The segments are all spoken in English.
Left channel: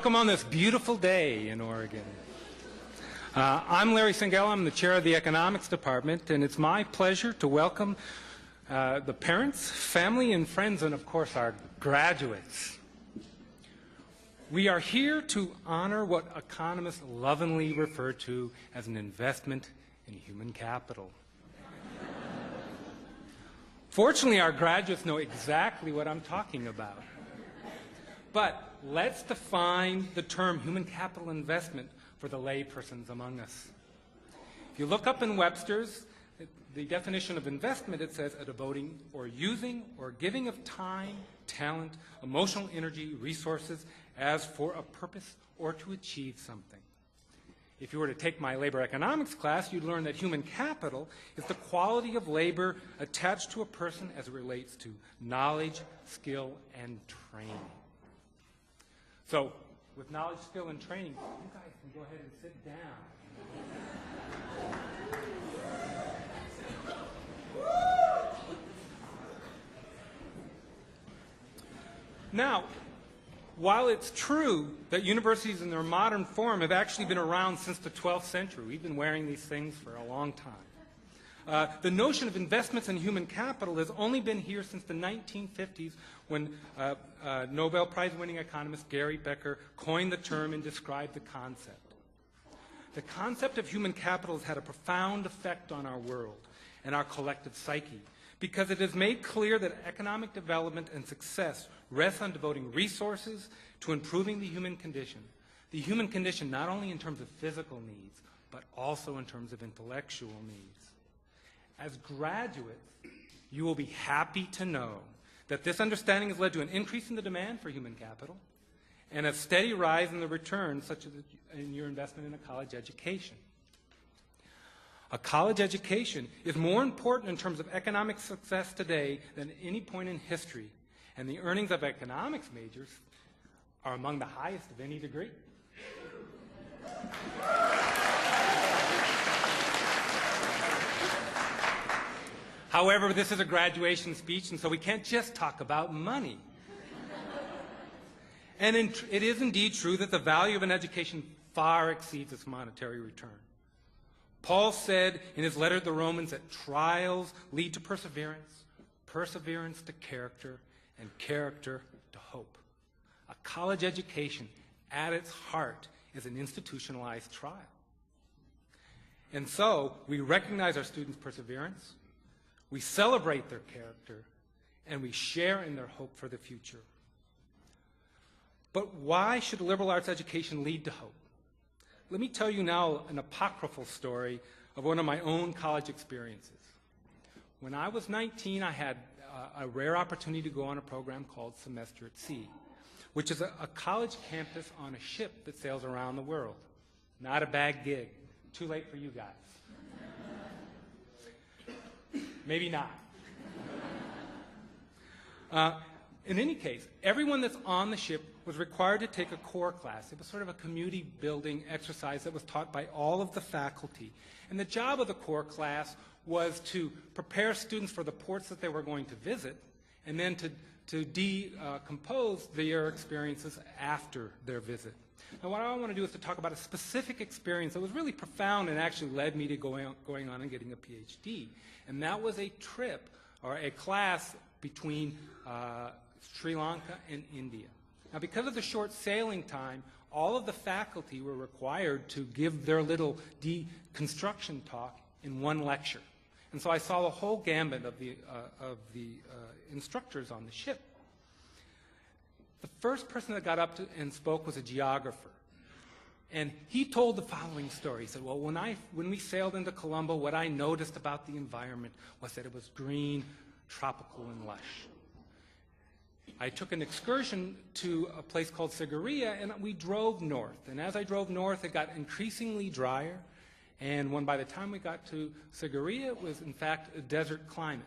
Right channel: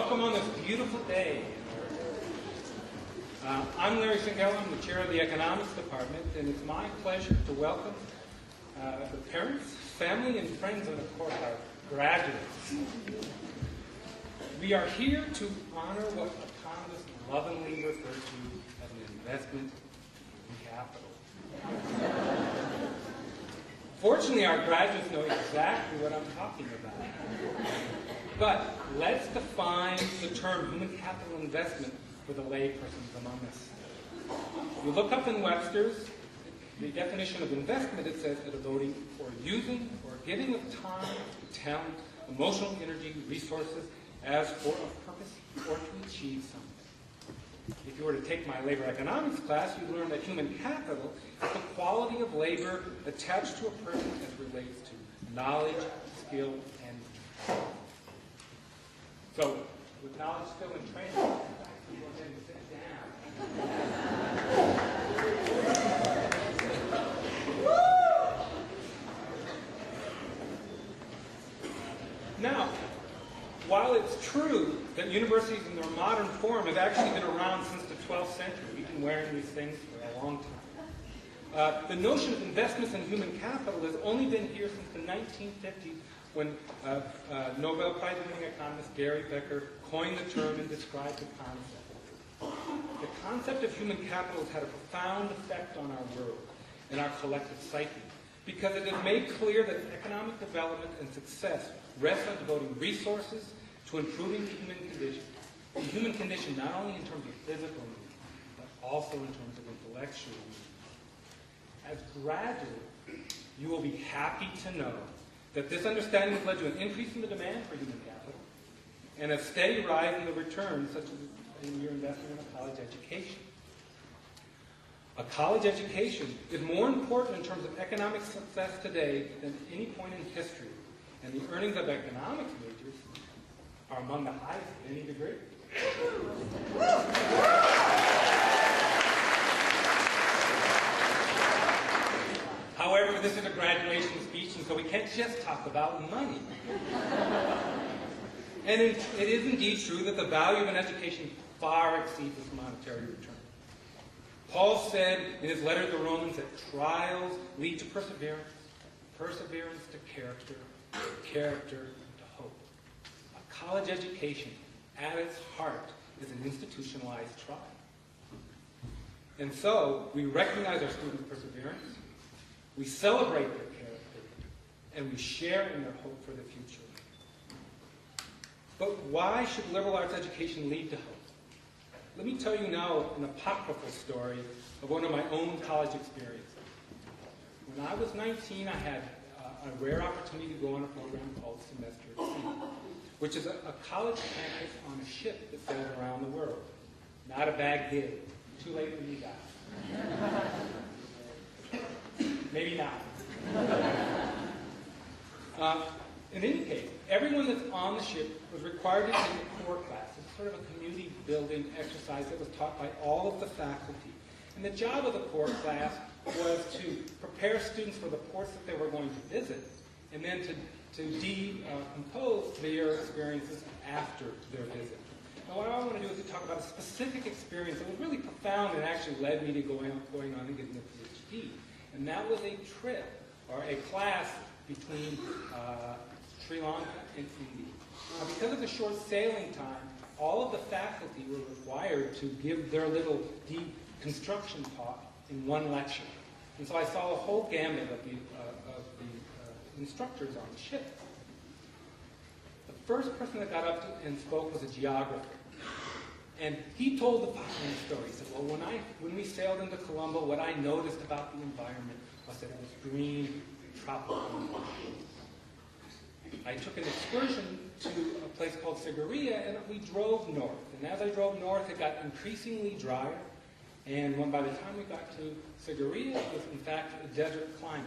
Welcome on this beautiful day in Oregon. I'm Larry Singel. I'm the chair of the economics department, and it's my pleasure to welcome the parents, family, and friends, and of course our graduates. We are here to honor what economists lovingly refer to as an investment in human capital. Fortunately, our graduates know exactly what I'm talking about. But let's define the term human capital investment for the laypersons among us. You look up in Webster's, the definition of investment, it says the devoting or using or giving of time, talent, emotional energy, resources as for a purpose or to achieve something. If you were to take my labor economics class, you'd learn that human capital is the quality of labor attached to a person as it relates to knowledge, skill, and training. So, with knowledge, skill, and training, go ahead and sit down. Now, while it's true that universities in their modern form have actually been around since the 12th century, we've been wearing these things for a long time. The notion of investments in human capital has only been here since the 1950s when Nobel Prize-winning economist Gary Becker coined the term and described the concept. The concept of human capital has had a profound effect on our world and our collective psyche because it has made clear that economic development and success rests on devoting resources to improving the human condition. The human condition not only in terms of physical needs, but also in terms of intellectual needs. As graduates, you will be happy to know that this understanding has led to an increase in the demand for human capital and a steady rise in the returns, such as in your investment in a college education. A college education is more important in terms of economic success today than any point in history, and the earnings of economics majors are among the highest of any degree. However, this is a graduation speech, and so we can't just talk about money. And it is indeed true that the value of an education far exceeds its monetary return. Paul said in his letter to the Romans that trials lead to perseverance, perseverance to character, and character to hope. A college education, at its heart, is an institutionalized trial. And so, we recognize our students' perseverance, we celebrate their character, and we share in their hope for the future. But why should liberal arts education lead to hope? Let me tell you now an apocryphal story of one of my own college experiences. When I was 19, I had a rare opportunity to go on a program called Semester at Sea, which is a college campus on a ship that sails around the world. Not a bad gig. Too late for you guys. Maybe not. In any case, everyone that's on the ship was required to take a core class. It was sort of a community building exercise that was taught by all of the faculty. And the job of the core class was to prepare students for the ports that they were going to visit, and then to decompose their experiences after their visit. Now, what I want to do is to talk about a specific experience that was really profound and actually led me to going on and getting the PhD. And that was a trip, or a class, between Sri Lanka and India. Now, because of the short sailing time, all of the faculty were required to give their little deconstruction talk in one lecture. And so I saw a whole gambit of the instructors on the ship. The first person that got up and spoke was a geographer. And he told the following story. He said, well, when we sailed into Colombo, what I noticed about the environment was that it was green, tropical, and lush. I took an excursion to a place called Sigiriya, and we drove north. And as I drove north, it got increasingly drier. And when by the time we got to Sigiriya, it was in fact a desert climate.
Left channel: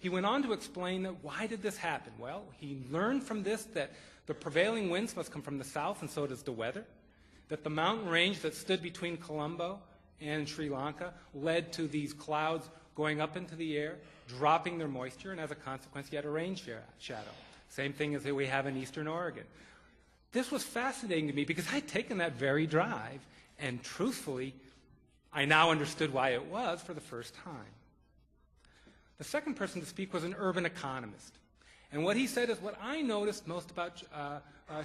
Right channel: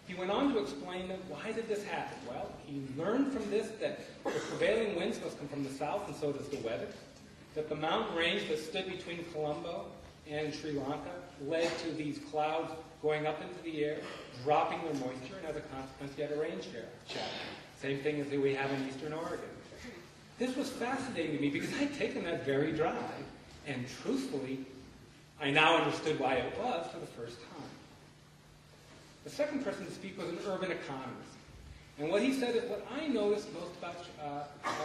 He went on to explain that why did this happen? Well, he learned from this that the prevailing winds must come from the south, and so does the weather. That the mountain range that stood between Colombo and Sri Lanka led to these clouds going up into the air, dropping their moisture, and as a consequence, you had a rain shadow. Same thing as we have in eastern Oregon. This was fascinating to me because I'd taken that very drive, and truthfully, I now understood why it was for the first time. The second person to speak was an urban economist. And what he said is, what I noticed most about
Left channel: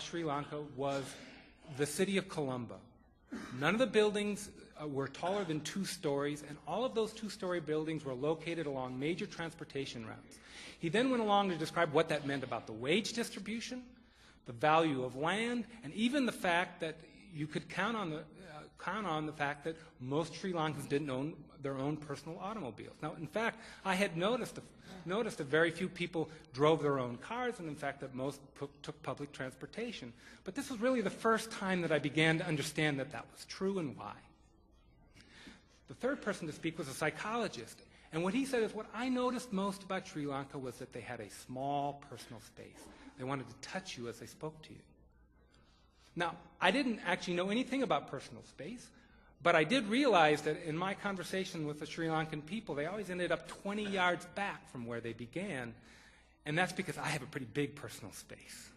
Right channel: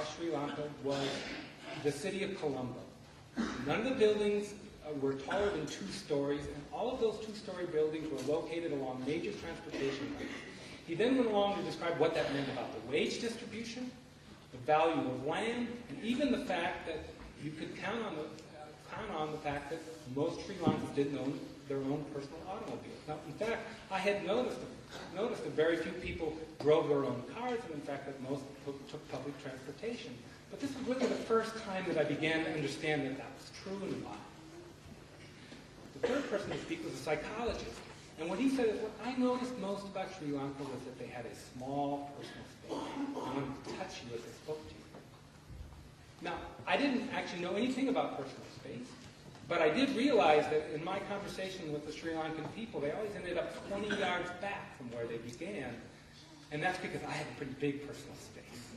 Sri Lanka was the city of Colombo. None of the buildings were taller than 2 stories, and all of those 2-story buildings were located along major transportation routes. He then went along to describe what that meant about the wage distribution, the value of land, and even the fact that you could count on the fact that most Sri Lankans didn't own their own personal automobiles. Now, in fact, I had noticed that very few people drove their own cars, and in fact that most took public transportation. But this was really the first time that I began to understand that that was true and why. The third person to speak was a psychologist. And what he said is, what I noticed most about Sri Lanka was that they had a small personal space. They wanted to touch you as they spoke to you. Now, I didn't actually know anything about personal space, but I did realize that in my conversation with the Sri Lankan people, they always ended up 20 yards back from where they began, and that's because I had a pretty big personal space.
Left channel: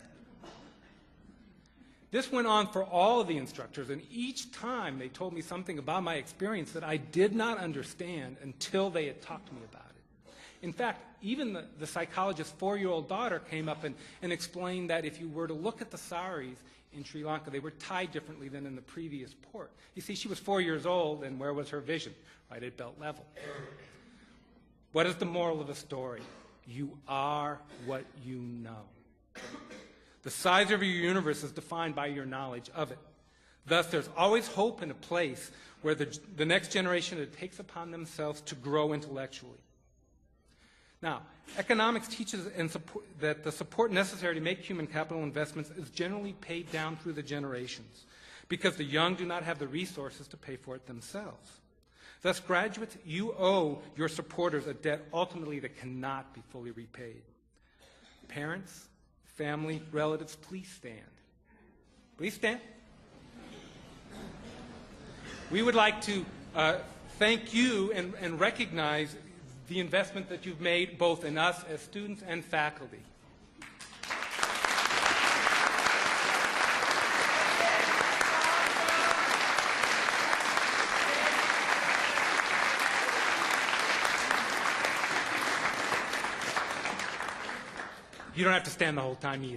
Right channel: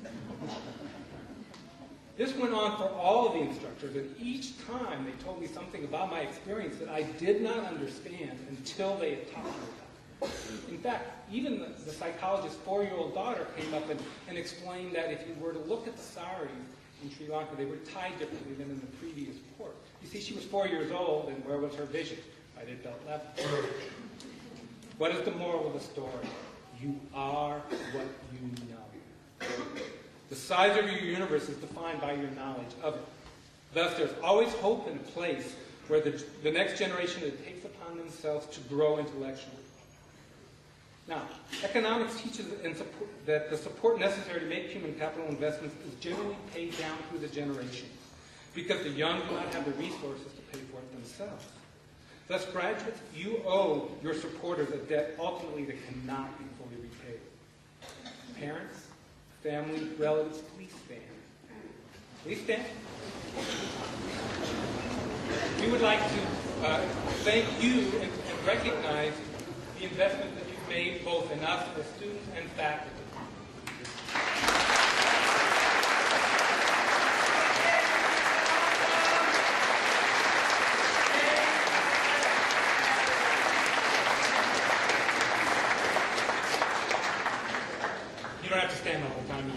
This went on for all of the instructors, and each time they told me something about my experience that I did not understand until they had taught me about it. In fact, even the psychologist's 4-year-old daughter came up and explained that if you were to look at the saris in Sri Lanka, they were tied differently than in the previous port. You see, she was 4 years old, and where was her vision? Right at belt level. What is the moral of the story? You are what you know. The size of your universe is defined by your knowledge of it. Thus, there's always hope in a place where the next generation takes upon themselves to grow intellectually. Now, economics teaches that the support necessary to make human capital investments is generally paid down through the generations, because the young do not have the resources to pay for it themselves. Thus, graduates, you owe your supporters a debt ultimately that cannot be fully repaid. Parents, family, relatives, please stand. Please stand. We would like to thank you and recognize the investment that you've made both in us as students and faculty. You don't have to stand the whole time either.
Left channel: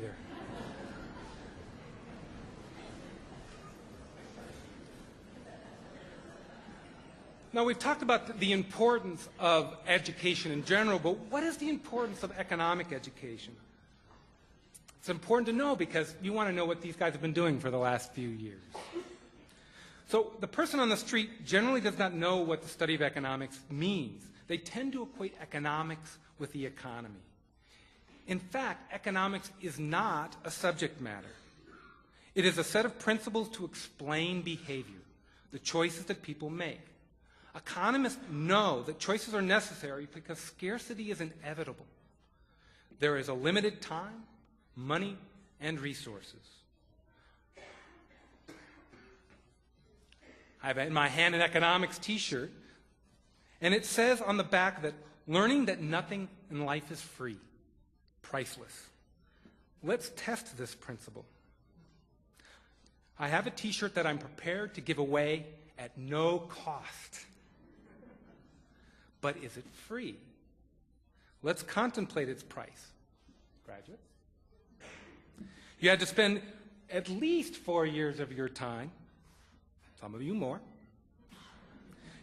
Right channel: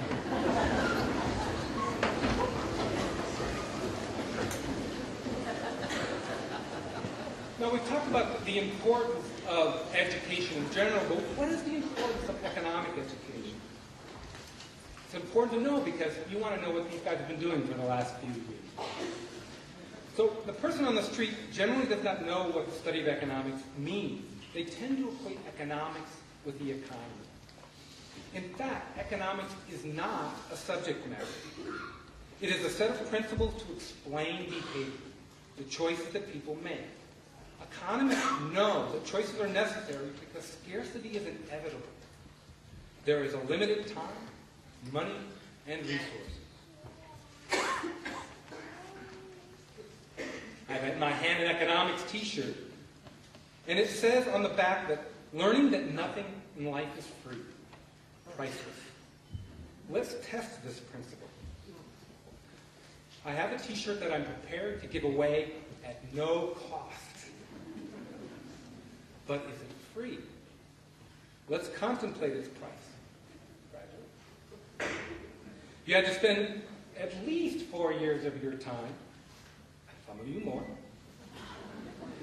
Now, we've talked about the importance of education in general, but what is the importance of economic education? It's important to know because you want to know what these guys have been doing for the last few years. So the person on the street generally does not know what the study of economics means. They tend to equate economics with the economy. In fact, economics is not a subject matter. It is a set of principles to explain behavior, the choices that people make. Economists know that choices are necessary because scarcity is inevitable. There is a limited time, money, and resources. I have in my hand an economics t-shirt, and it says on the back that learning that nothing in life is free. Priceless. Let's test this principle. I have a t-shirt that I'm prepared to give away at no cost. But is it free? Let's contemplate its price. You had to spend at least 4 years of your time, some of you more.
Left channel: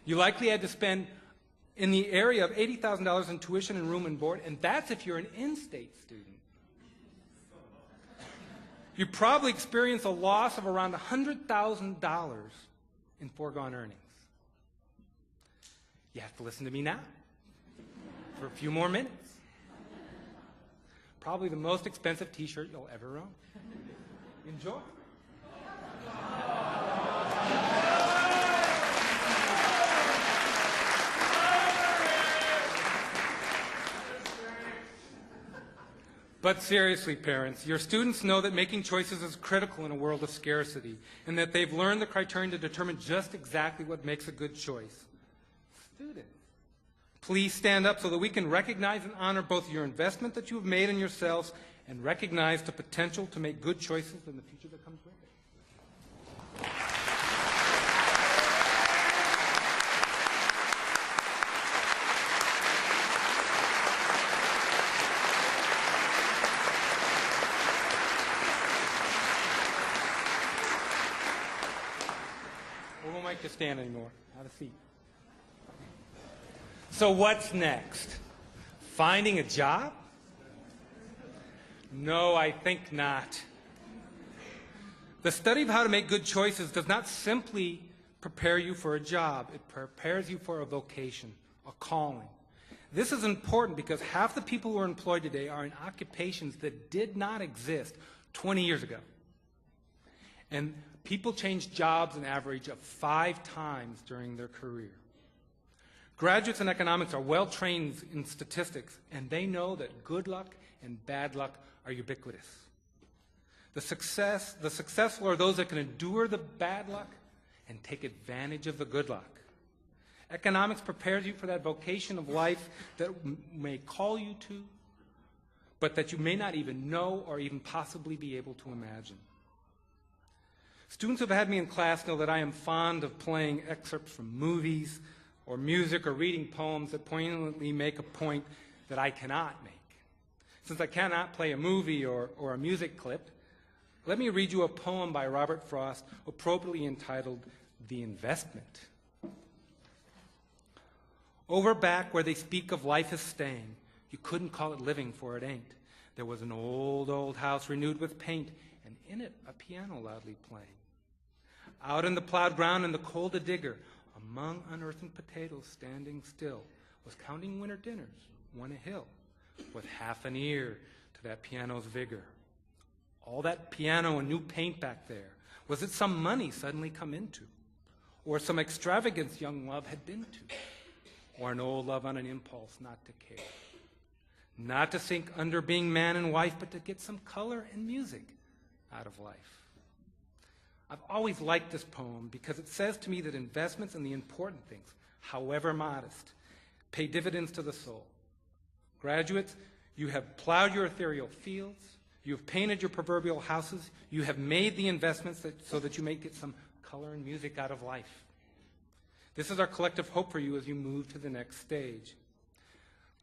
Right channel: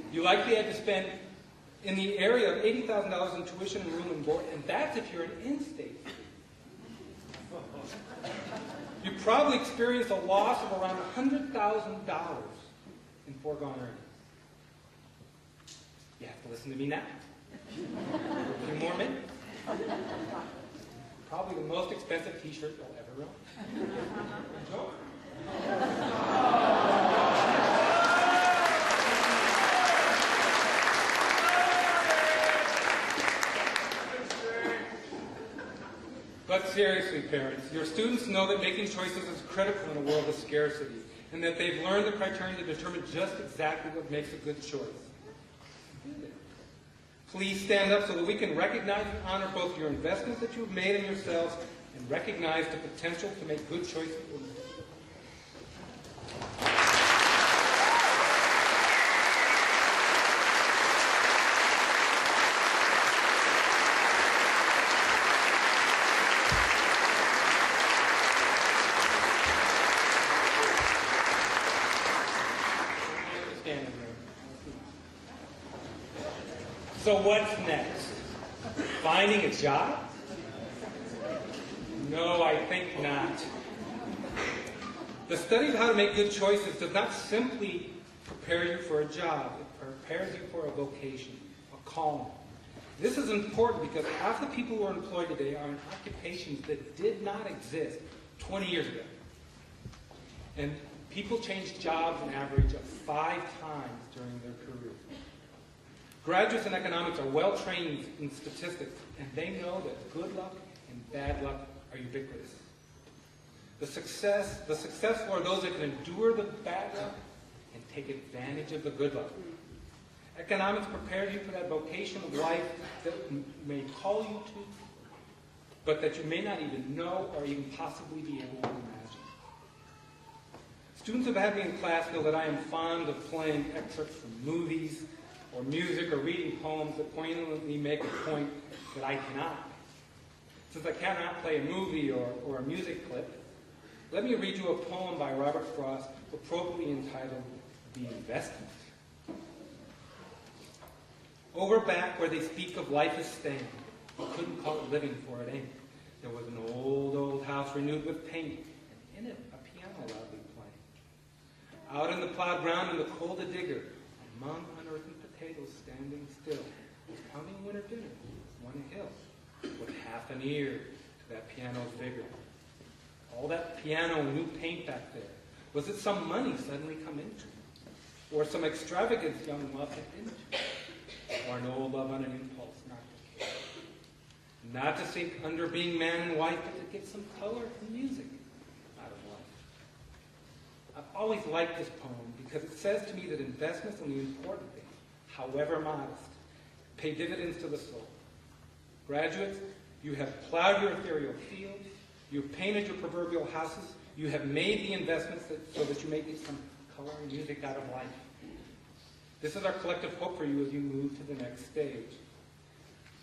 You likely had to spend in the area of $80,000 in tuition and room and board, and that's if you're an in-state student. You probably experienced a loss of around $100,000 in foregone earnings. You have to listen to me now for a few more minutes. Probably the most expensive t-shirt you'll ever own. Enjoy. But seriously, parents, your students know that making choices is critical in a world of scarcity, and that they've learned the criterion to determine just exactly what makes a good choice. Please stand up so that we can recognize and honor both your investment that you've made in yourselves and recognize the potential to make good choices standing room. I see. So what's next? Finding a job? No, I think not. The study of how to make good choices does not simply prepare you for a job. It prepares you for a vocation, a calling. This is important because half the people who are employed today are in occupations that did not exist 20 years ago. And people change jobs an average of 5 times during their career. Graduates in economics are well trained in statistics, and they know that good luck and bad luck are ubiquitous. The successful are those that can endure the bad luck and take advantage of the good luck. Economics prepares you for that vocation of life that may call you to, but that you may not even know or even possibly be able to imagine. Students who have had me in class know that I am fond of playing excerpts from movies or music or reading poems that poignantly make a point that I cannot make. Since I cannot play a movie or a music clip, let me read you a poem by Robert Frost, appropriately entitled The Investment. Over back where they speak of life as staying, you couldn't call it living for it ain't. There was an old, old house renewed with paint, and in it a piano loudly playing. Out in the plowed ground in the cold a digger, among unearthed potatoes standing still, was counting winter dinners, one a hill, with half an ear to that piano's vigor. All that piano and new paint back there, was it some money suddenly come into? Or some extravagance young love had been to? Or an old love on an impulse not to care? Not to sink under being man and wife, but to get some color and music out of life. I've always liked this poem because it says to me that investments in the important things, however modest, pay dividends to the soul. Graduates, you have plowed your ethereal fields, you have painted your proverbial houses, you have made the investments so that you may get some color and music out of life. This is our collective hope for you as you move to the next stage.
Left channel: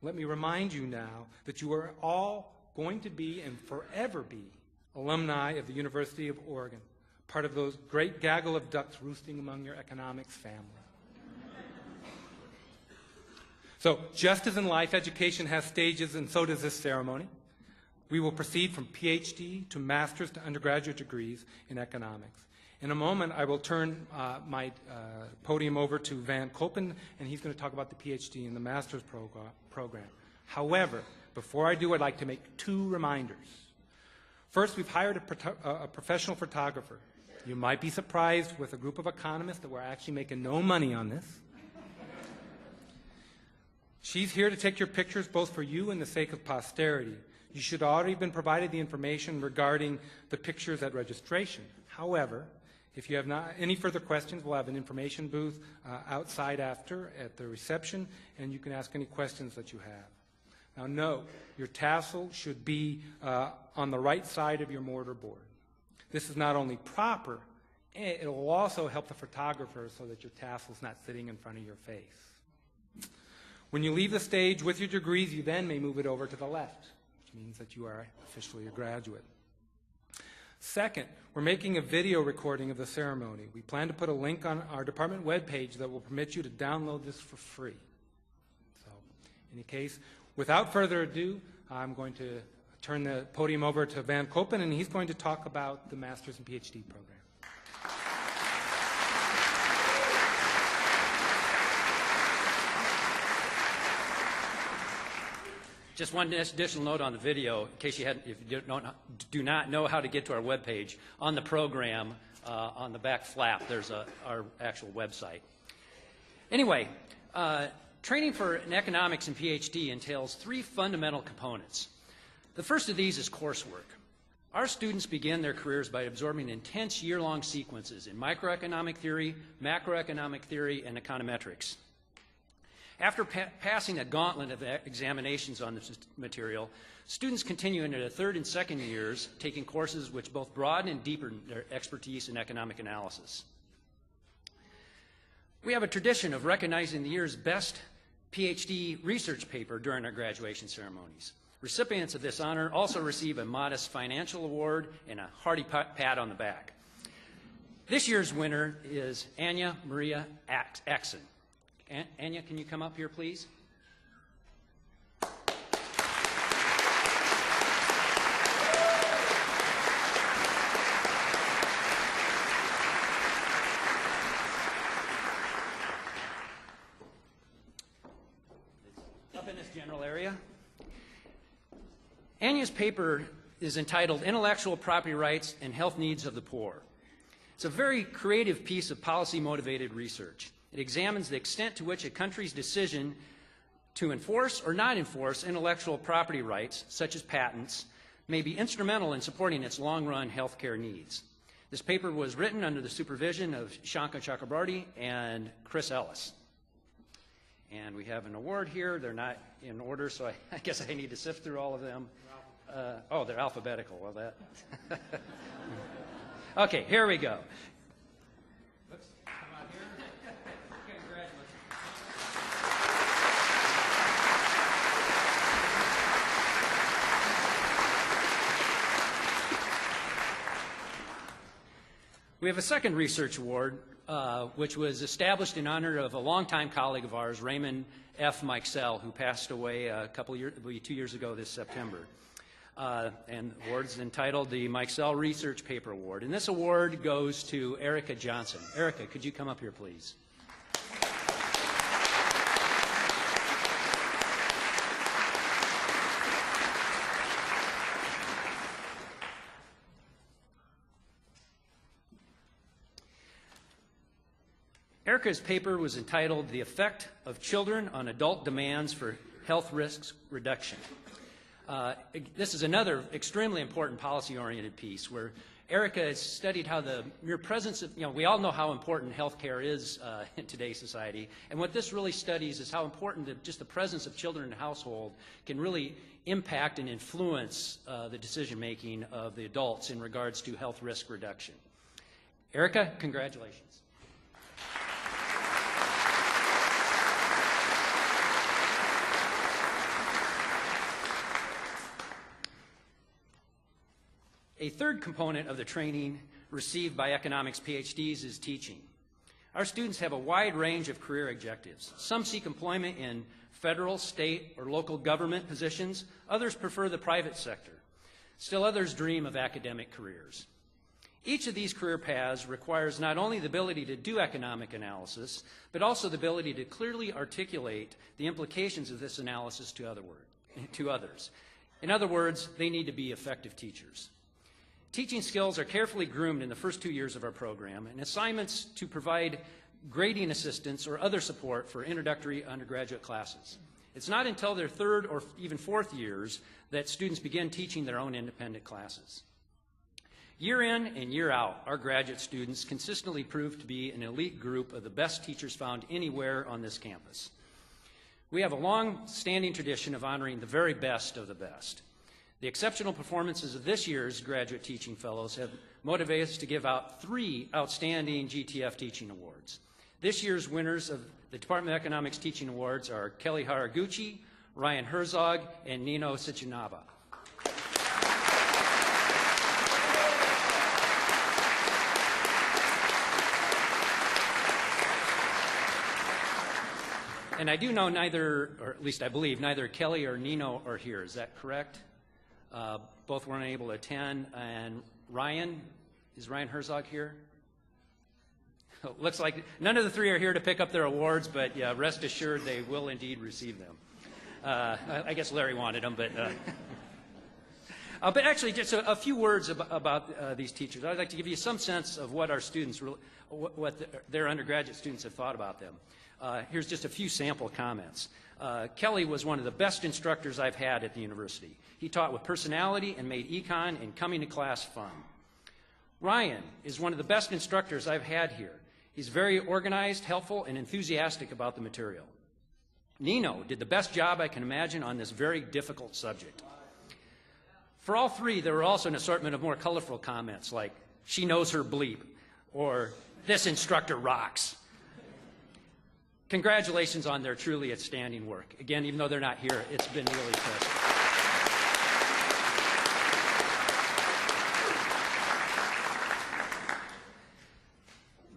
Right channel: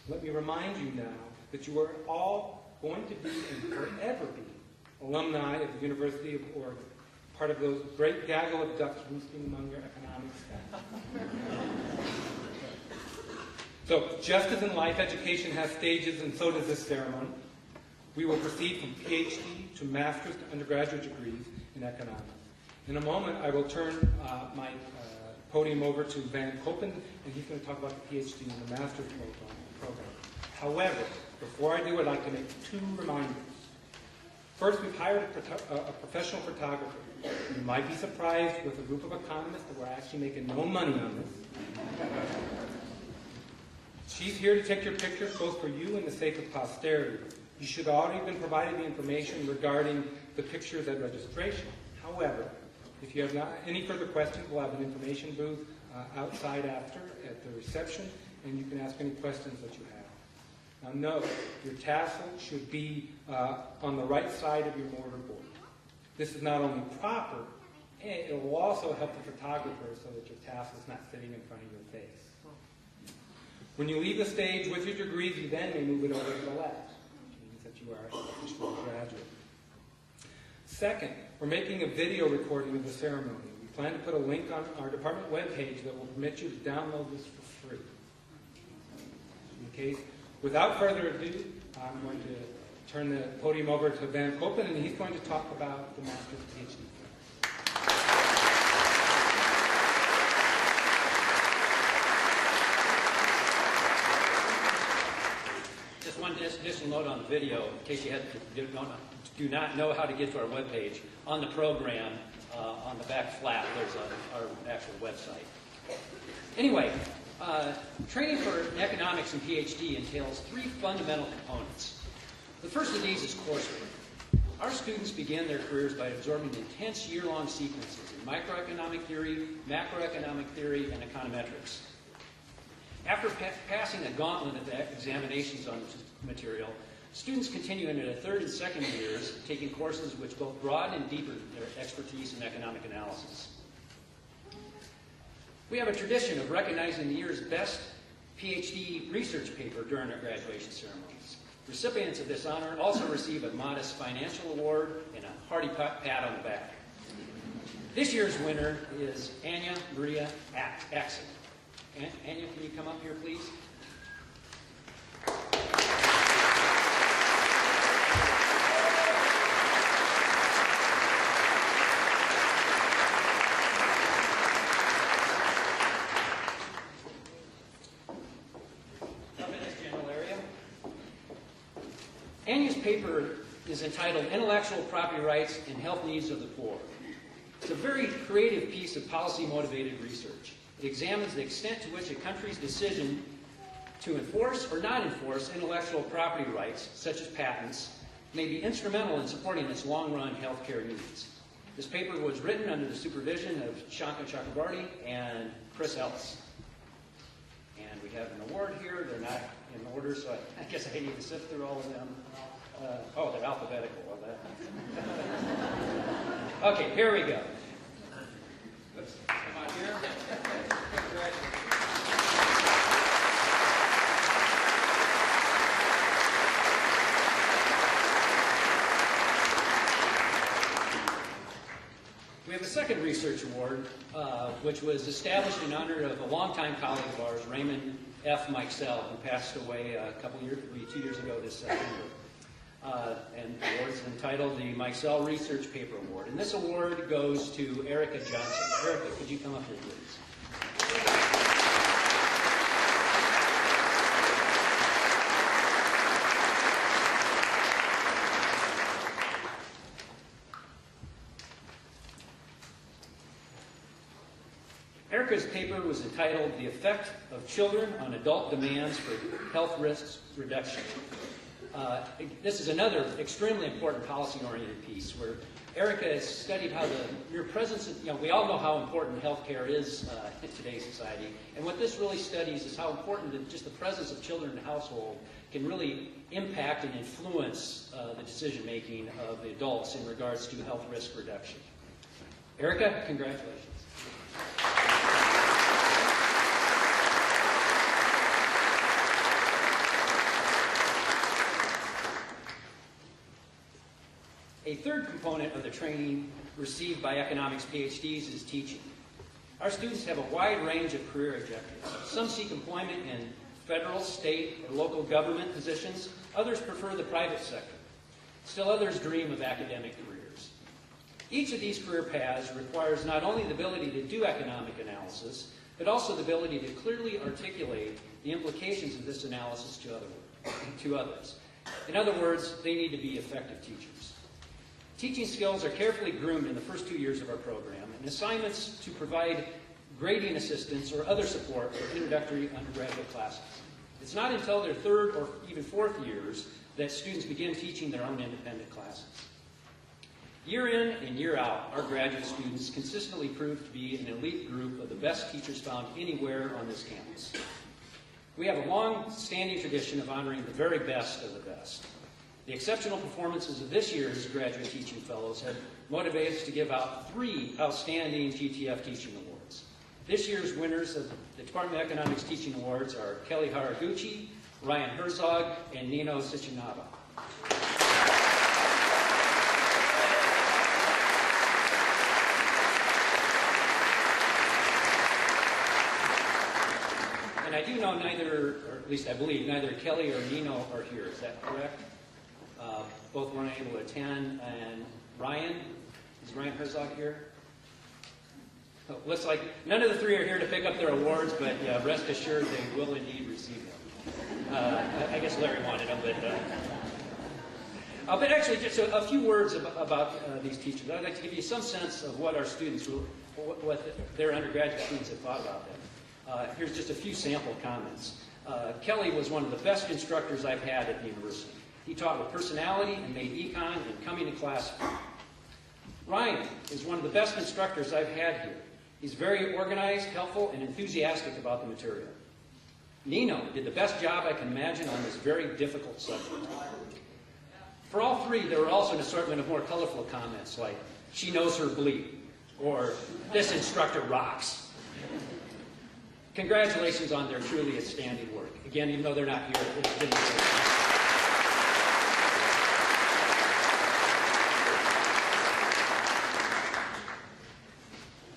Let me remind you now that you are all going to be and forever be alumni of the University of Oregon, part of those great gaggle of ducks roosting among your economics family. So, just as in life, education has stages, and so does this ceremony. We will proceed from PhD to master's to undergraduate degrees in economics. In a moment, I will turn my podium over to Van Koppen, and he's going to talk about the PhD and the master's program. However, before I do, I'd like to make 2 reminders. First, we've hired a professional photographer. You might be surprised with a group of economists that we're actually making no money on this. She's here to take your pictures both for you and the sake of posterity. You should already have been provided the information regarding the pictures at registration. However, if you have not any further questions, we'll have an information booth outside after at the reception, and you can ask any questions that you have. Now note, your tassel should be on the right side of your mortarboard. This is not only proper, it will also help the photographer so that your tassel is not sitting in front of your face. When you leave the stage with your degrees, you then may move it over to the left, which means that you are officially a graduate. Second, we're making a video recording of the ceremony. We plan to put a link on our department webpage that will permit you to download this for free. In case, without further ado, I'm going to turn the podium over to Van Koppen, and he's going to talk about the master's PhD program. Just one additional note on the video, in case you do not know how to get to our webpage. On the program, on the back flap, there's our actual website. Anyway, training for an economics and PhD entails 3 fundamental components. The first of these is coursework. Our students begin their careers by absorbing intense year-long sequences in microeconomic theory, macroeconomic theory, and econometrics. After passing a gauntlet of examinations on this material, students continue into their 3rd and 2nd years, taking courses which both broaden and deepen their expertise in economic analysis. We have a tradition of recognizing the year's best PhD research paper during our graduation ceremonies. Recipients of this honor also receive a modest financial award and a hearty pat on the back. This year's winner is Anya Maria Axon. Anya, can you come up here, please? Anya's paper is entitled Intellectual Property Rights and Health Needs of the Poor. It's a very creative piece of policy-motivated research. It examines the extent to which a country's decision to enforce or not enforce intellectual property rights, such as patents, may be instrumental in supporting its long-run healthcare needs. This paper was written under the supervision of Shankar Chakrabarty and Chris Ellis. And we have an award here. They're not in order, so I guess I need to sift through all of them. Oh, they're alphabetical. Well, that. Okay, here we go. We have a second research award, which was established in honor of a longtime colleague of ours, Raymond F. Meixell, who passed away maybe 2 years ago this September. And the award is entitled the Meixell Research Paper Award. And this award goes to Erica Johnson. Erica, could you come up here, please? Erica's paper was entitled The Effect of Children on Adult Demands for Health Risks Reduction. This is another extremely important policy-oriented piece where Erica has studied how the mere presence of, we all know how important healthcare is in today's society, and what this really studies is how important just the presence of children in a household can really impact and influence the decision-making of the adults in regards to health risk reduction. Erica, congratulations. A third component of the training received by economics PhDs is teaching. Our students have a wide range of career objectives. Some seek employment in federal, state, or local government positions. Others prefer the private sector. Still others dream of academic careers. Each of these career paths requires not only the ability to do economic analysis, but also the ability to clearly articulate the implications of this analysis to others. In other words, they need to be effective teachers. Teaching skills are carefully groomed in the first 2 years of our program, and assignments to provide grading assistance or other support for introductory undergraduate classes. It's not until their third or even fourth years that students begin teaching their own independent classes. Year in and year out, our graduate students consistently prove to be an elite group of the best teachers found anywhere on this campus. We have a long-standing tradition of honoring the very best of the best. The exceptional performances of this year's graduate teaching fellows have motivated us to give out 3 outstanding GTF teaching awards. This year's winners of the Department of Economics Teaching Awards are Kelly Haraguchi, Ryan Herzog, and Nino Sichinava. And I do know neither, or at least I believe, neither Kelly or Nino are here. Is that correct? Both weren't able to attend. And Ryan, is Ryan Herzog here? Oh, looks like none of the 3 are here to pick up their awards, but rest assured they will indeed receive them. I guess Larry wanted them, but actually just a few words about these teachers. I'd like to give you some sense of what our students, what their undergraduate students have thought about them. Here's just a few sample comments. Kelly was one of the best instructors I've had at the university. He taught with personality and made econ and coming to class fun. Ryan is one of the best instructors I've had here. He's very organized, helpful, and enthusiastic about the material. Nino did the best job I can imagine on this very difficult subject. For all 3, there were also an assortment of more colorful comments like, she knows her bleed, or this instructor rocks. Congratulations on their truly outstanding work. Again, even though they're not here, it's been really fun.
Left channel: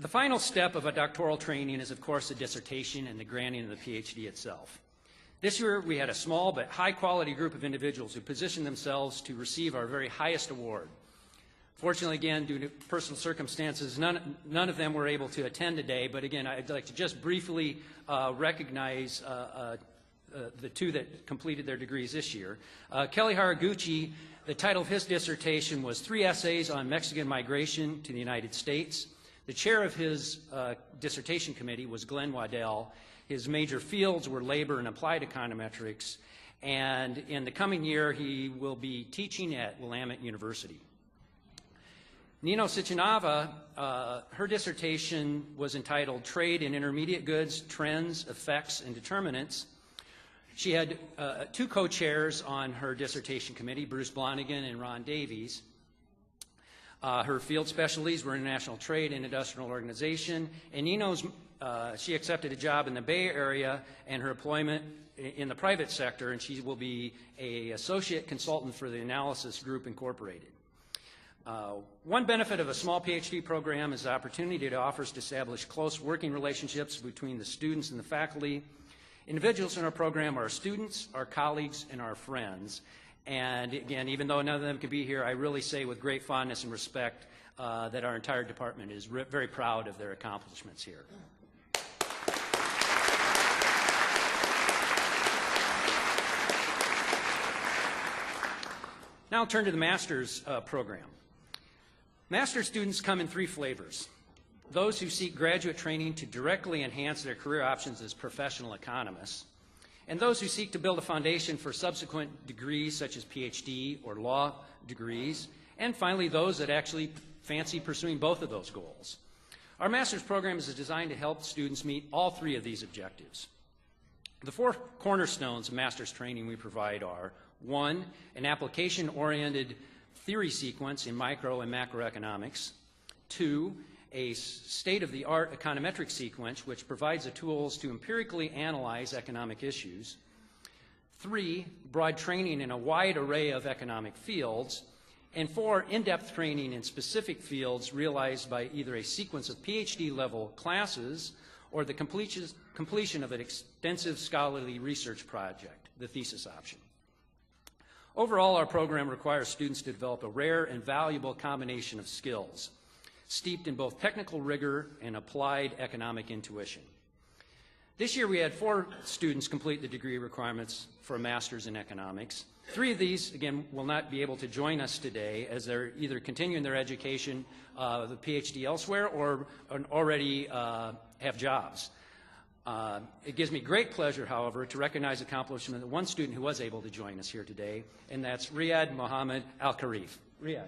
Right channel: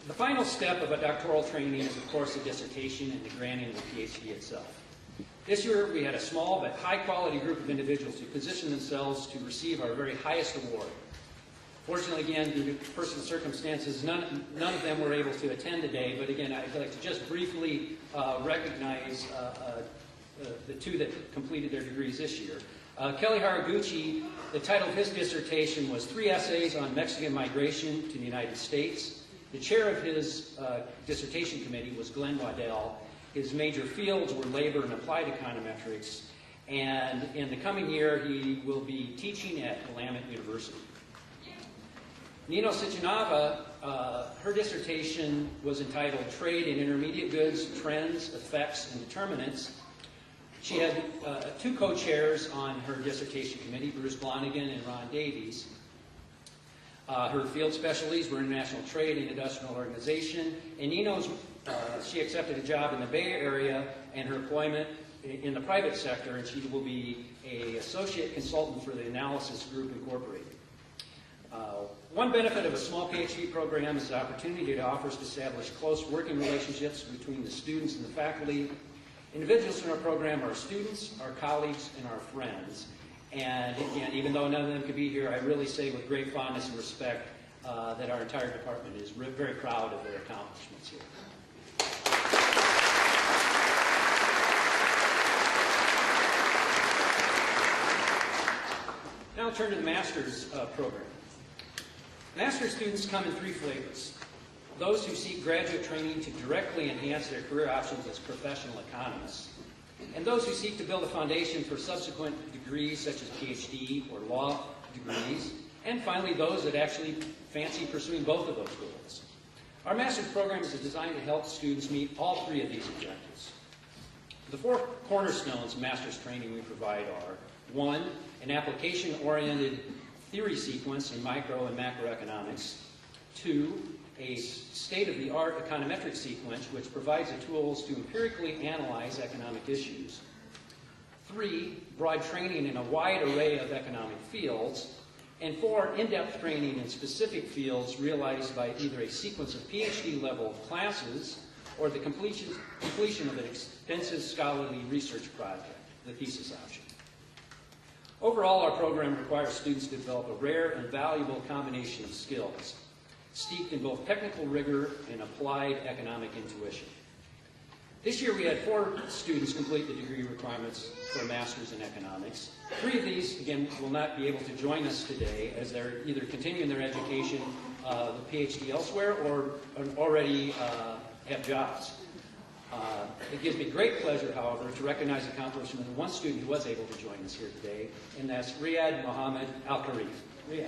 The final step of a doctoral training is, of course, the dissertation and the granting of the PhD itself. This year, we had a small but high-quality group of individuals who positioned themselves to receive our very highest award. Fortunately, again, due to personal circumstances, none of them were able to attend today, but again, I'd like to just briefly recognize the two that completed their degrees this year. Kelly Haraguchi, the title of his dissertation was 3 Essays on Mexican Migration to the United States. The chair of his dissertation committee was Glenn Waddell. His major fields were labor and applied econometrics, and in the coming year, he will be teaching at Willamette University. Nino Sichinava, her dissertation was entitled Trade in Intermediate Goods, Trends, Effects, and Determinants. She had 2 co-chairs on her dissertation committee, Bruce Blonigan and Ron Davies. Her field specialties were international trade and industrial organization, and Nino's, she accepted a job in the Bay Area and her employment in the private sector, and she will be an associate consultant for the Analysis Group Incorporated. One benefit of a small PhD program is the opportunity it offers to establish close working relationships between the students and the faculty. Individuals in our program are students, our colleagues, and our friends. And again, even though none of them could be here, I really say with great fondness and respect that our entire department is very proud of their accomplishments here. Now I'll turn to the master's program. Master's students come in 3 flavors. Those who seek graduate training to directly enhance their career options as professional economists, and those who seek to build a foundation for subsequent degrees such as PhD or law degrees, and finally those that actually fancy pursuing both of those goals. Our master's program is designed to help students meet all 3 of these objectives. The 4 cornerstones of master's training we provide are: 1, an application-oriented theory sequence in micro and macroeconomics; 2, a state-of-the-art econometric sequence which provides the tools to empirically analyze economic issues; 3, broad training in a wide array of economic fields; and 4, in-depth training in specific fields realized by either a sequence of PhD-level classes or the completion of an extensive scholarly research project, the thesis option. Overall, our program requires students to develop a rare and valuable combination of skills, steeped in both technical rigor and applied economic intuition. This year we had 4 students complete the degree requirements for a master's in economics. 3 of these, again, will not be able to join us today as they're either continuing their education, PhD elsewhere, or already have jobs. It gives me great pleasure, however, to recognize the accomplishment of one student who was able to join us here today, and that's Riyad Mohammed Al-Karif. Riyad.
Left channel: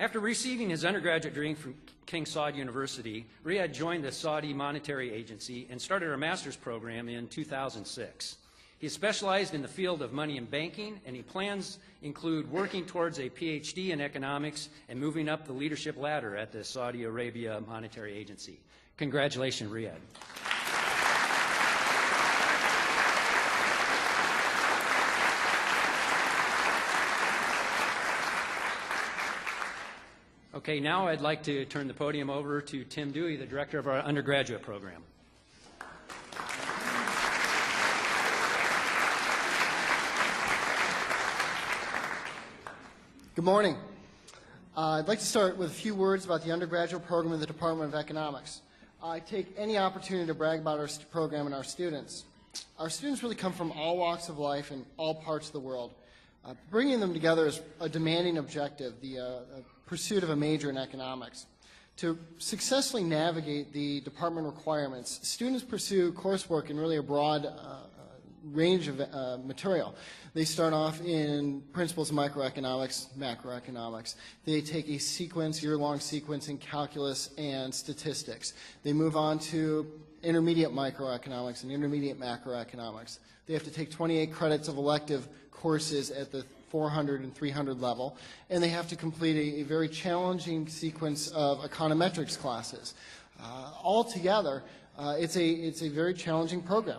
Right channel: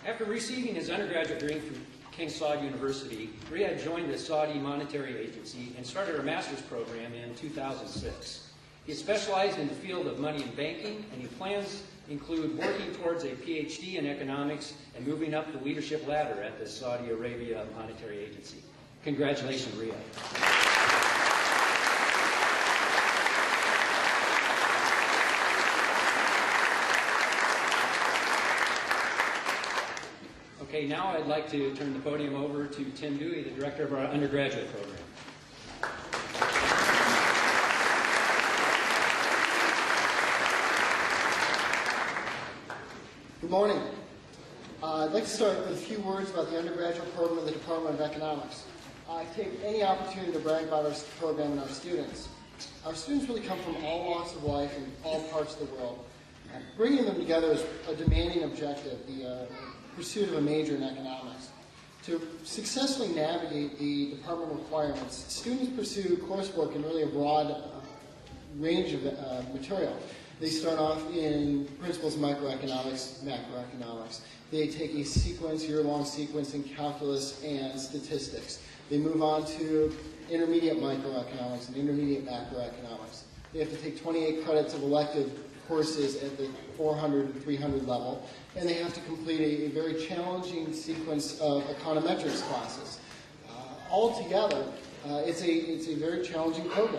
After receiving his undergraduate degree from King Saud University, Riyad joined the Saudi Monetary Agency and started our master's program in 2006. He specialized in the field of money and banking, and his plans include working towards a PhD in economics and moving up the leadership ladder at the Saudi Arabia Monetary Agency. Congratulations, Riyad. Okay, now I'd like to turn the podium over to Tim Dewey, the director of our undergraduate program. Good morning. I'd like to start with a few words about the undergraduate program in the Department of Economics. I take any opportunity to brag about our program and our students. Our students really come from all walks of life and all parts of the world. Bringing them together is a demanding objective, the pursuit of a major in economics. To successfully navigate the department requirements, students pursue coursework in really a broad range of material. They start off in principles of microeconomics, macroeconomics. They take a sequence, year-long sequence in calculus and statistics. They move on to intermediate microeconomics and intermediate macroeconomics. They have to take 28 credits of elective courses at the 400 and 300 level, and they have to complete a very challenging sequence of econometrics classes. Altogether, It's a very challenging program.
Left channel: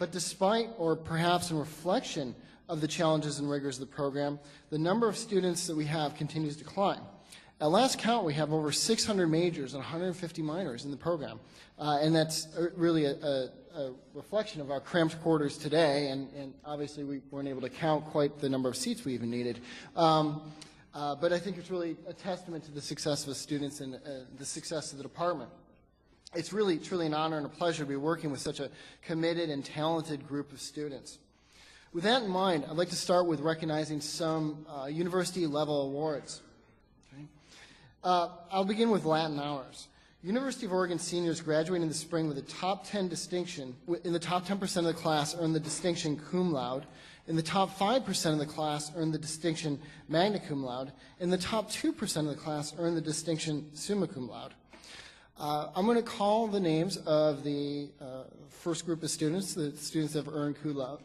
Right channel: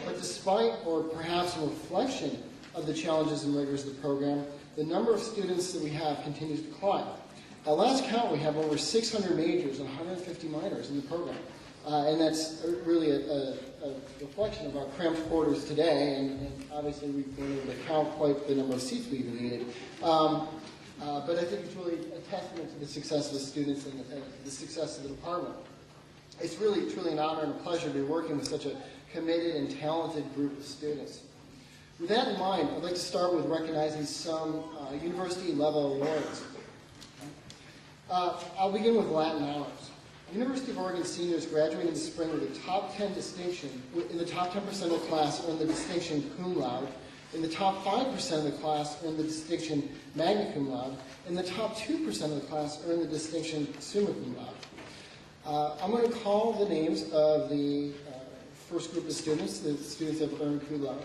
But despite, or perhaps in reflection of the challenges and rigors of the program, the number of students that we have continues to climb. At last count, we have over 600 majors and 150 minors in the program. And that's really a reflection of our cramped quarters today, and obviously we weren't able to count quite the number of seats we even needed. But I think it's really a testament to the success of the students and the success of the department. It's really an honor and a pleasure to be working with such a committed and talented group of students. With that in mind, I'd like to start with recognizing some university-level awards. I'll begin with Latin Honors. University of Oregon seniors graduating this spring with the top 10 distinction, in the top 10% of the class earned the distinction cum laude, in the top 5% of the class earned the distinction magna cum laude, and the top 2% of the class earned the distinction summa cum laude. I'm going to call the names of the first group of students, the students that have earned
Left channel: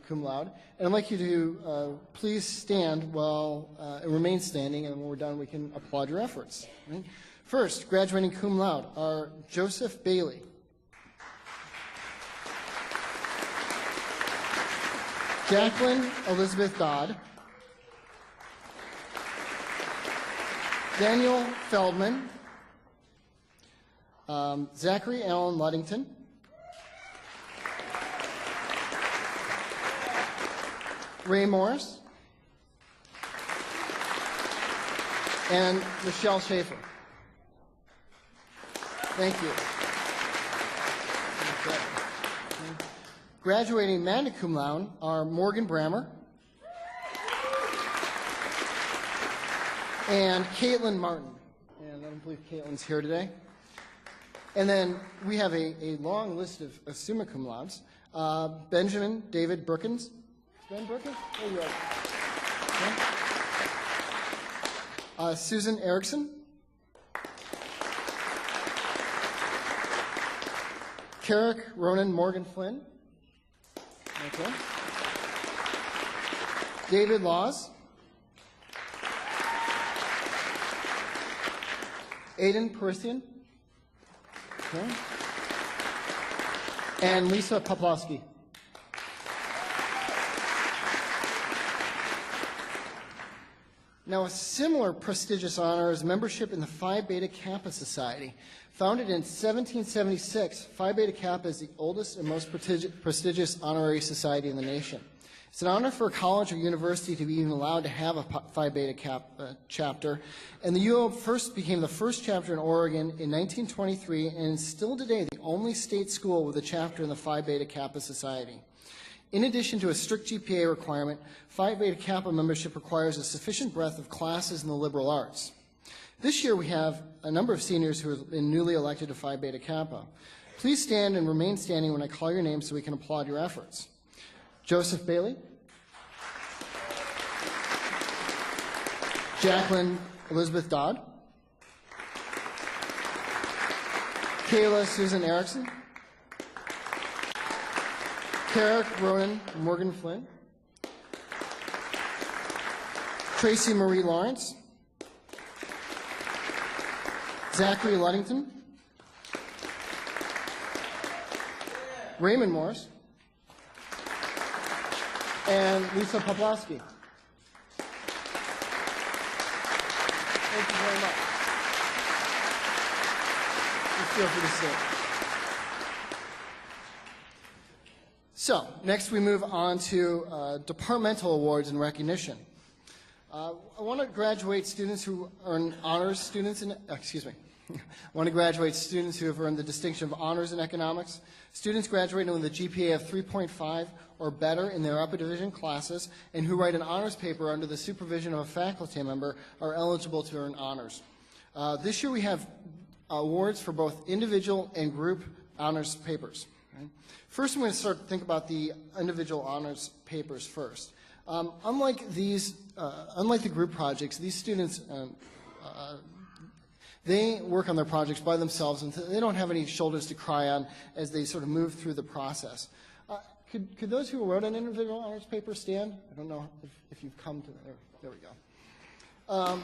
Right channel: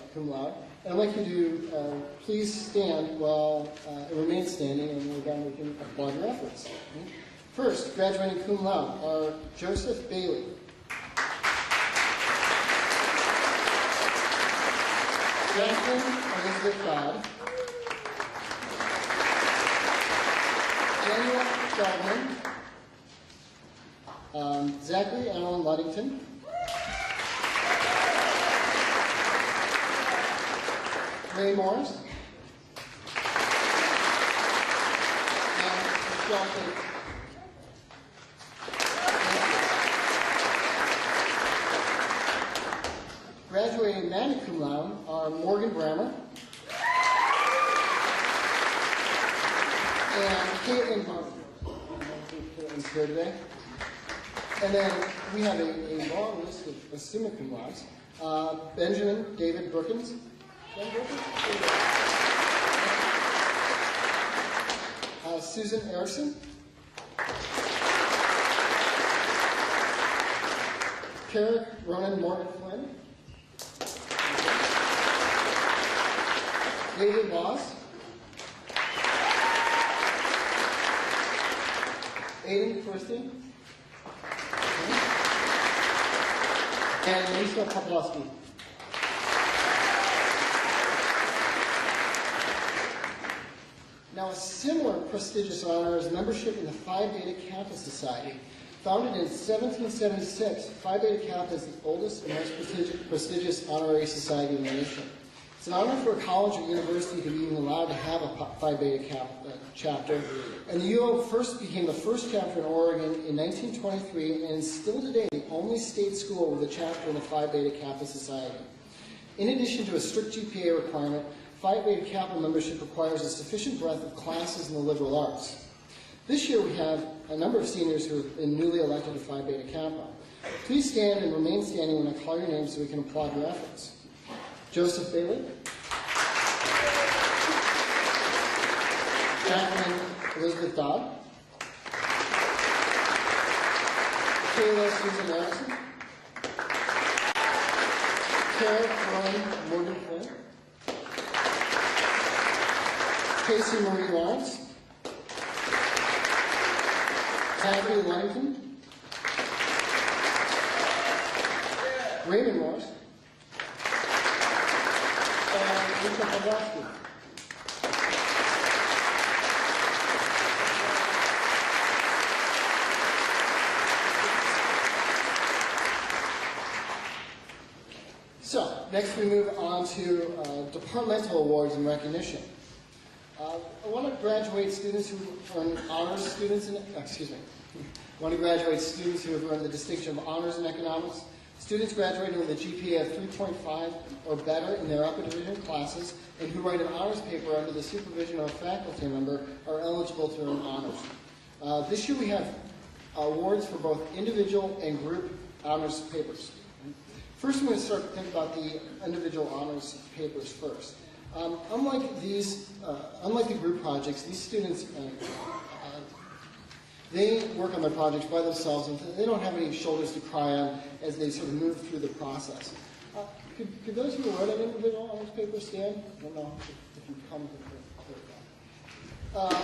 cum laude, and I'd like you to please stand while remain standing, and when we're done we can applaud your efforts. First, graduating cum laude are Joseph Bailey, Jacqueline Elizabeth Dodd, Daniel Feldman, Zachary Allen Luddington, Ray Morris, and Michelle Schaefer. Thank you. Graduating magna cum laude are Morgan Brammer and Caitlin Martin. Caitlin's here today. And then we have a long list of summa cum laudes. Benjamin David Brookins. Susan Erickson. Carrick Ronan Morgan Flynn. David Laws. Aiden Christian. And Lisa Poplowski. Now, a similar prestigious honor is membership in the Phi Beta Kappa Society. Founded in 1776, Phi Beta Kappa is the oldest and most prestigious honorary society in the nation. It's an honor for a college or university to be even allowed to have a Phi Beta Kappa chapter, and the UO first became the first chapter in Oregon in 1923, and is still today the only state school with a chapter in the Phi Beta Kappa Society. In addition to a strict GPA requirement, Phi Beta Kappa membership requires a sufficient breadth of classes in the liberal arts. This year we have a number of seniors who have been newly elected to Phi Beta Kappa. Please stand and remain standing when I call your name so we can applaud your efforts. Joseph Bailey. Jacqueline Elizabeth Dodd. Kayla Susan Erickson. Carrick Ronan Morgan Flynn. Tracy Marie Lawrence. Zachary Luddington. Raymond Morris. And Lisa Poplowski. So, next we move on to departmental awards and recognition. I want to graduate students who earn honors students in, I want to graduate students who have earned the distinction of honors in economics. Students graduating with a GPA of 3.5 or better in their upper division classes and who write an honors paper under the supervision of a faculty member are eligible to earn honors. This year we have awards for both individual and group honors papers. First, I'm going to start to think about the individual honors papers first. Unlike the group projects, these students, they work on their projects by themselves, and they don't have any shoulders to cry on as they sort of move through the process. Could those who wrote an individual honors paper stand? I don't know if you come. There we go.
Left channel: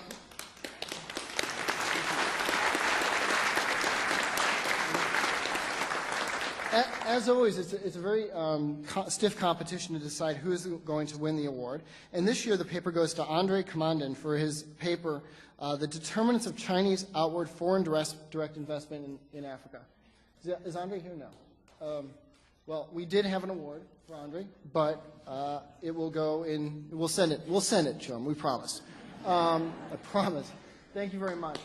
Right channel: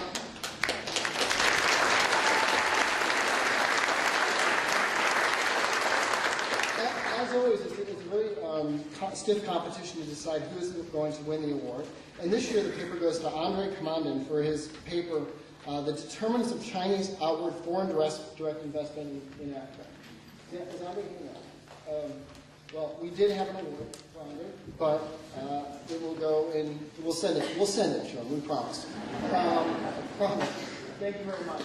As always, it's a very stiff competition to decide who is going to win the award. And this year, the paper goes to Andre Commandin for his paper, The Determinants of Chinese Outward Foreign Direct Investment in Africa. Is Andre here? No. Well, we did have an award for Andre, but it will go in. We'll send it to him. We promise. Promise. Thank you very much.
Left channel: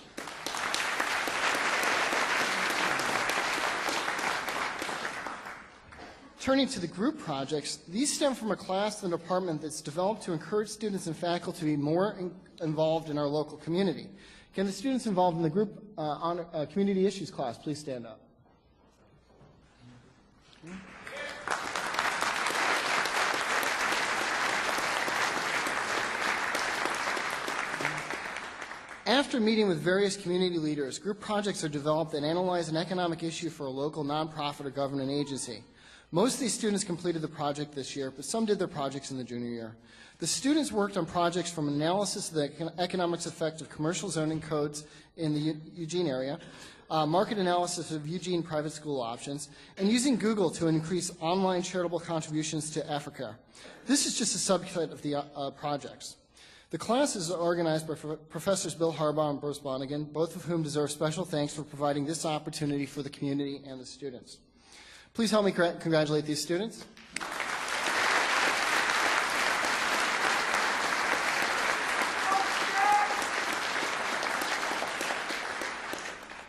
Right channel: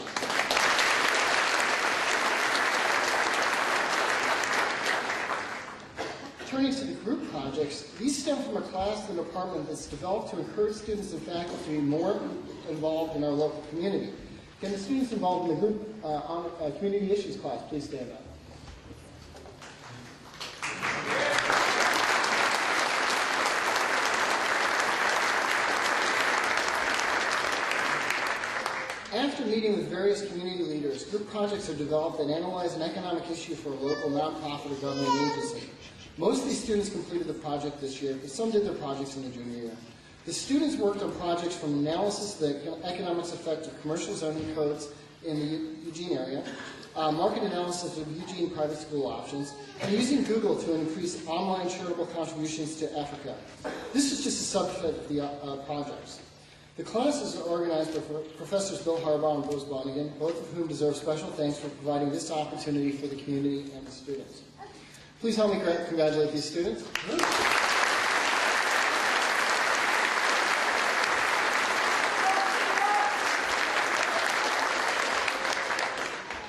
Turning to the group projects, these stem from a class in the department that's developed to encourage students and faculty to be more involved in our local community. Can the students involved in the group on community issues class please stand up? After meeting with various community leaders, group projects are developed that analyze an economic issue for a local nonprofit or government agency. Most of these students completed the project this year, but some did their projects in the junior year. The students worked on projects from analysis of the economics effect of commercial zoning codes in the Eugene area, market analysis of Eugene private school options, and using Google to increase online charitable contributions to Africa. This is just a subset of the projects. The classes are organized by Professors Bill Harbaugh and Bruce Blonigan, both of whom deserve special thanks for providing this opportunity for the community and the students. Please help me congratulate these students.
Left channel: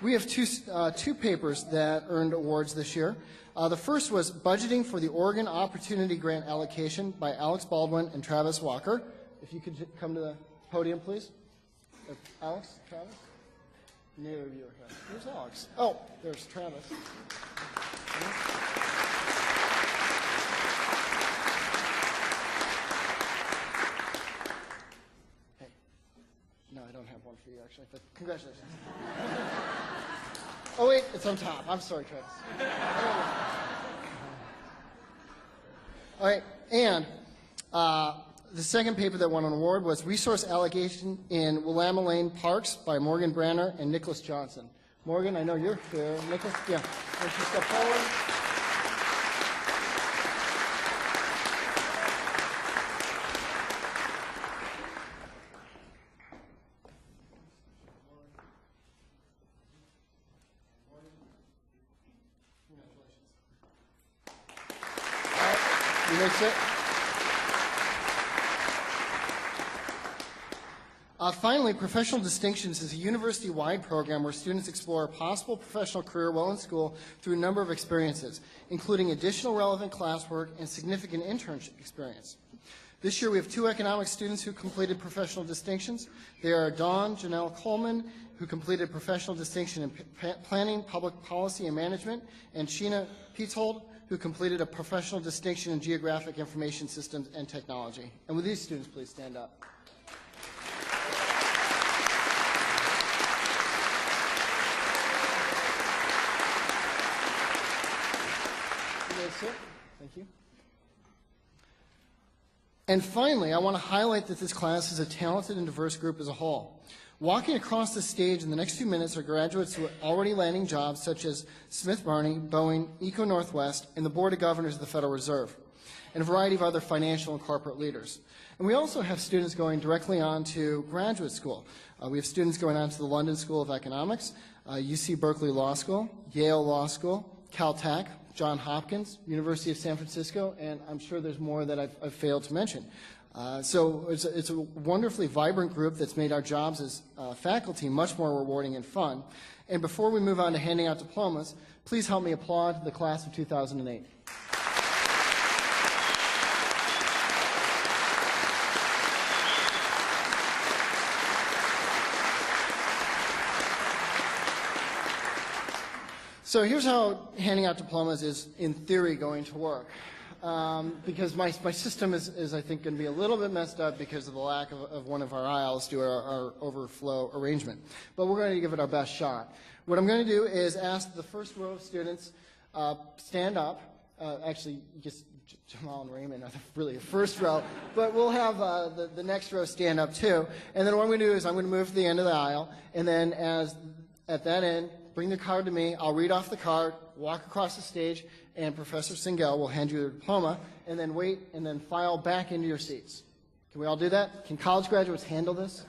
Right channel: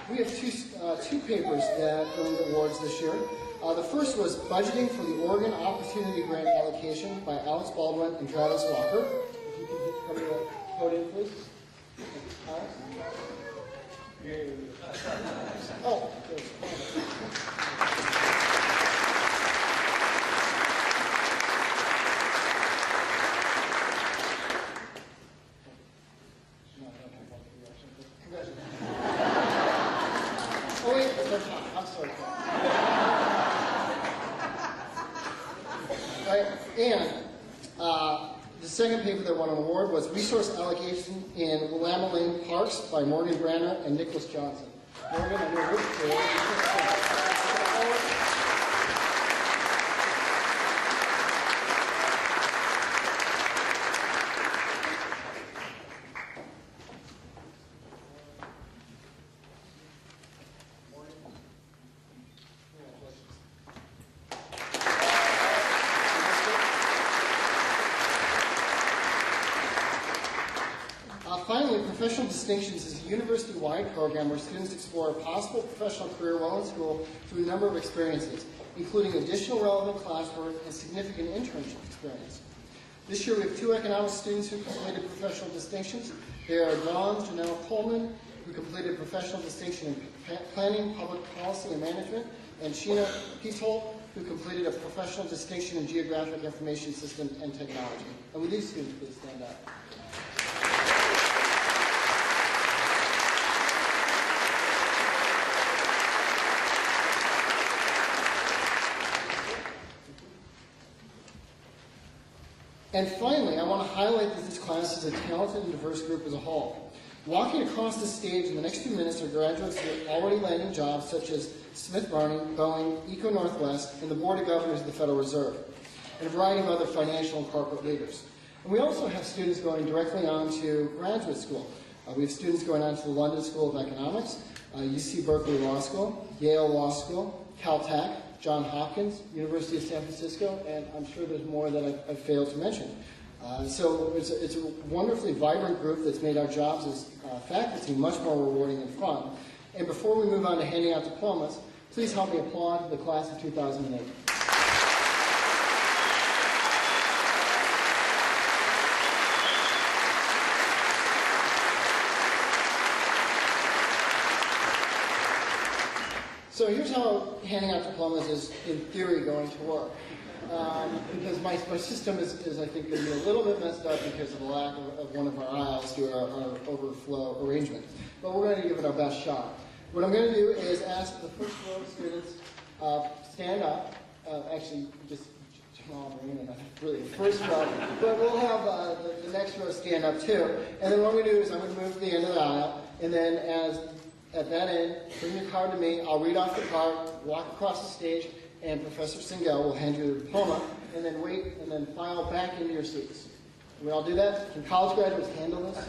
We have two papers that earned awards this year. The first was Budgeting for the Oregon Opportunity Grant Allocation by Alex Baldwin and Travis Walker. If you could come to the podium, please. Alex? Oh, there's Travis. No, I don't have one for you, actually, but congratulations. Oh, wait, it's on top. I'm sorry. All right, and the second paper that won an award was Resource Allocation in Willamette Lane Parks by Morgan Branner and Nicholas Johnson. Morgan, I know you're here. Let's step forward. Finally, Professional Distinctions is a university-wide program where students explore a possible professional career while in school through a number of experiences, including additional relevant classwork and significant internship experience. This year we have two economics students who completed Professional Distinctions. They are Dawn Janelle Coleman, who completed a Professional Distinction in Planning, Public Policy, and Management, and Sheena Pietzold, who completed a Professional Distinction in Geographic Information Systems and Technology. And will these students please stand up? And finally, I want to highlight that this class is a talented and diverse group as a whole. Walking across the stage in the next few minutes are graduates who are already landing jobs such as Smith Barney, Boeing, Eco Northwest, and the Board of Governors of the Federal Reserve, and a variety of other financial and corporate leaders. And we also have students going directly on to graduate school. We have students going on to the London School of Economics, UC Berkeley Law School, Yale Law School, Caltech, Johns Hopkins, University of San Francisco, and I'm sure there's more that I failed to mention. So it's a wonderfully vibrant group that's made our jobs as faculty much more rewarding and fun. And before we move on to handing out diplomas, please help me applaud the class of 2008. So here's how handing out diplomas is, in theory, going to work. Because my system is, I think, going to be a little bit messed up because of the lack of one of our aisles to our overflow arrangement. But we're going to give it our best shot. What I'm going to do is ask the first row of students stand up. Actually, just Jamal and Raymond, really the first row. But we'll have the next row stand up too. And then what I'm going to do is I'm going to move to the end of the aisle. And then at that end, bring your card to me. I'll read off the card, walk across the stage, and Professor Singel will hand you a diploma, and then wait, and then file back into your seats. Can we all do that? Can college graduates handle this?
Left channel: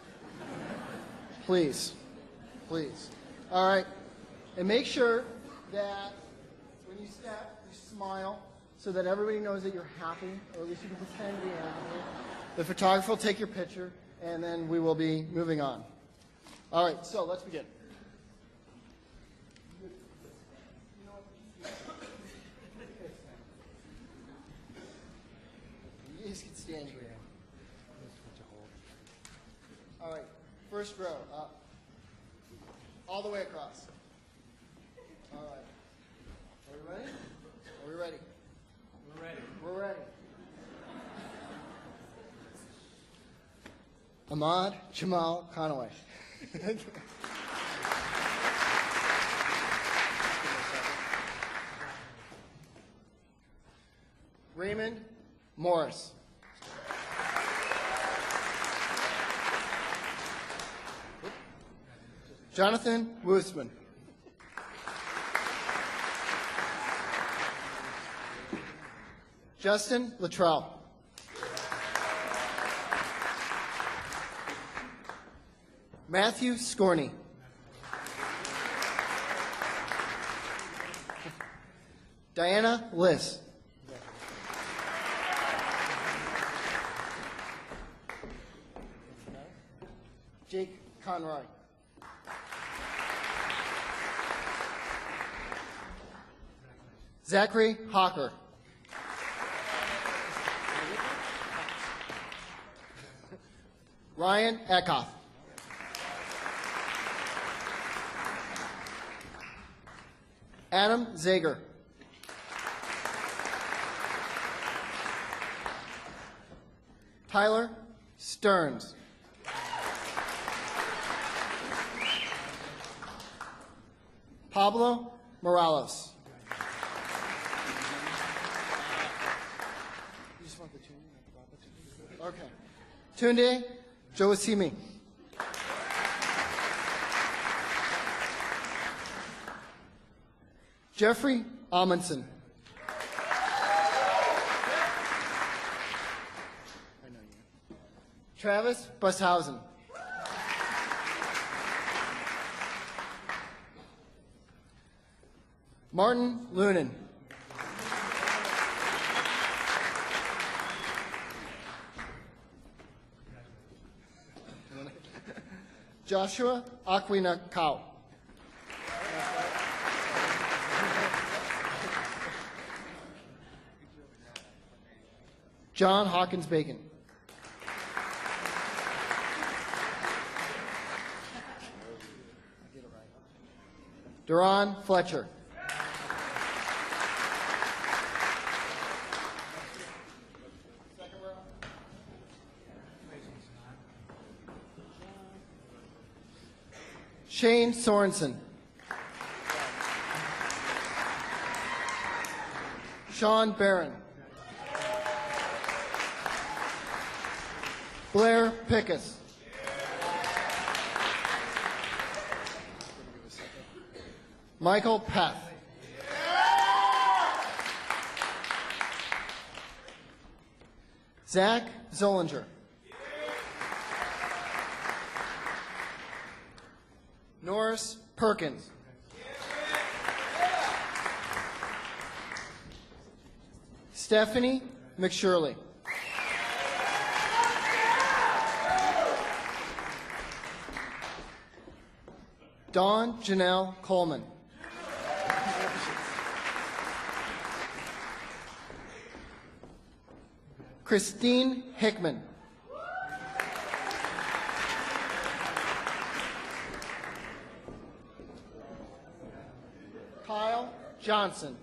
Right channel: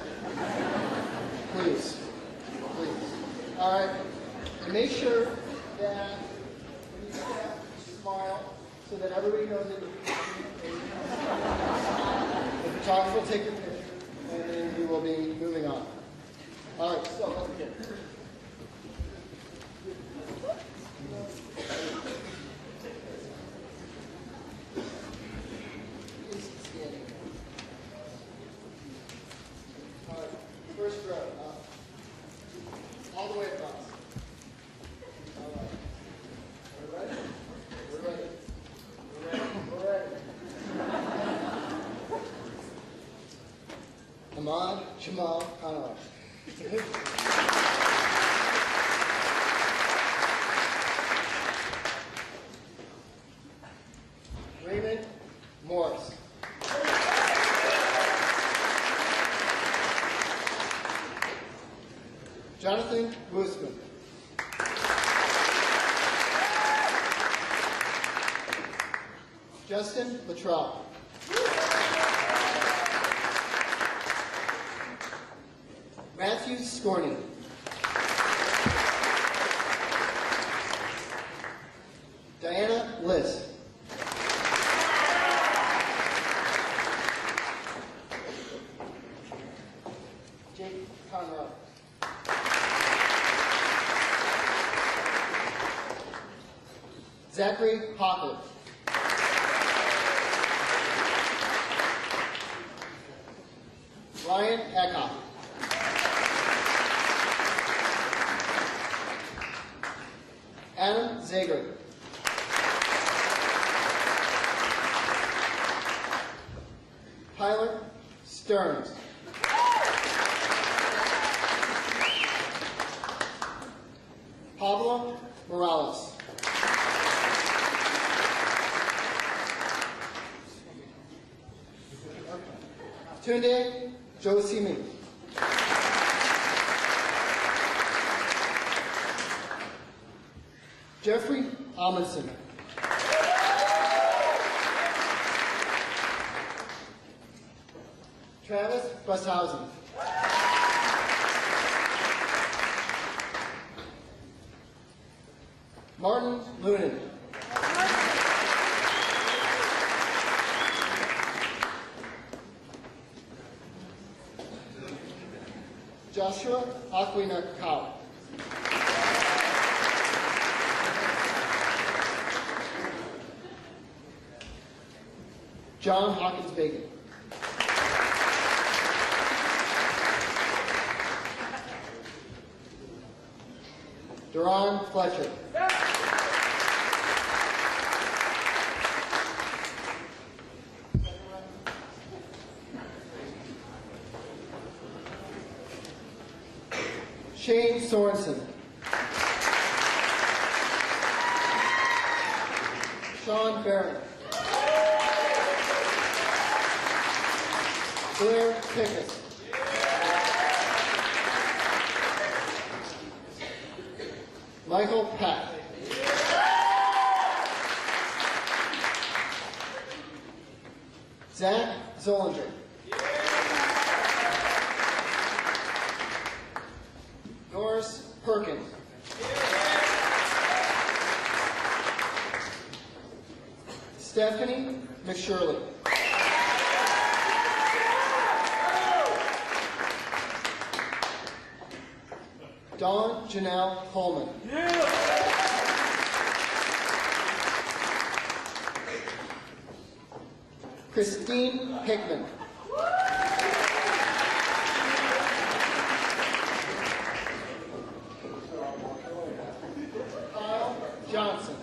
Please. Please. All right. And make sure that when you smile so that everybody knows that you're happy. The photographer will take your picture, and then we will be moving on. All right, so let's begin. All right, first row. All the way across. Ready? We're ready. We're ready. Ahmad Jamal Conway. Raymond Morris. Jonathan Woosman. Justin Luttrell. Matthew Scorney. Diana Liss. Jake Conrad. Zachary Hopper. Ryan Eckhoff. Adam Zager. Tyler Stearns. Pablo Morales. Tunde Josimi. Jeffrey Amundsen. Travis Bushausen. Martin Lunan. Joshua Aquina Cow. John Hawkins Bacon. Duran Fletcher. Shane Sorensen. Sean Barron. Blair Pickett. Michael Pack. Zach Zollinger. Norris Perkins. Stephanie McShirley. Dawn Janelle Coleman. Christine Hickman. Kyle Johnson.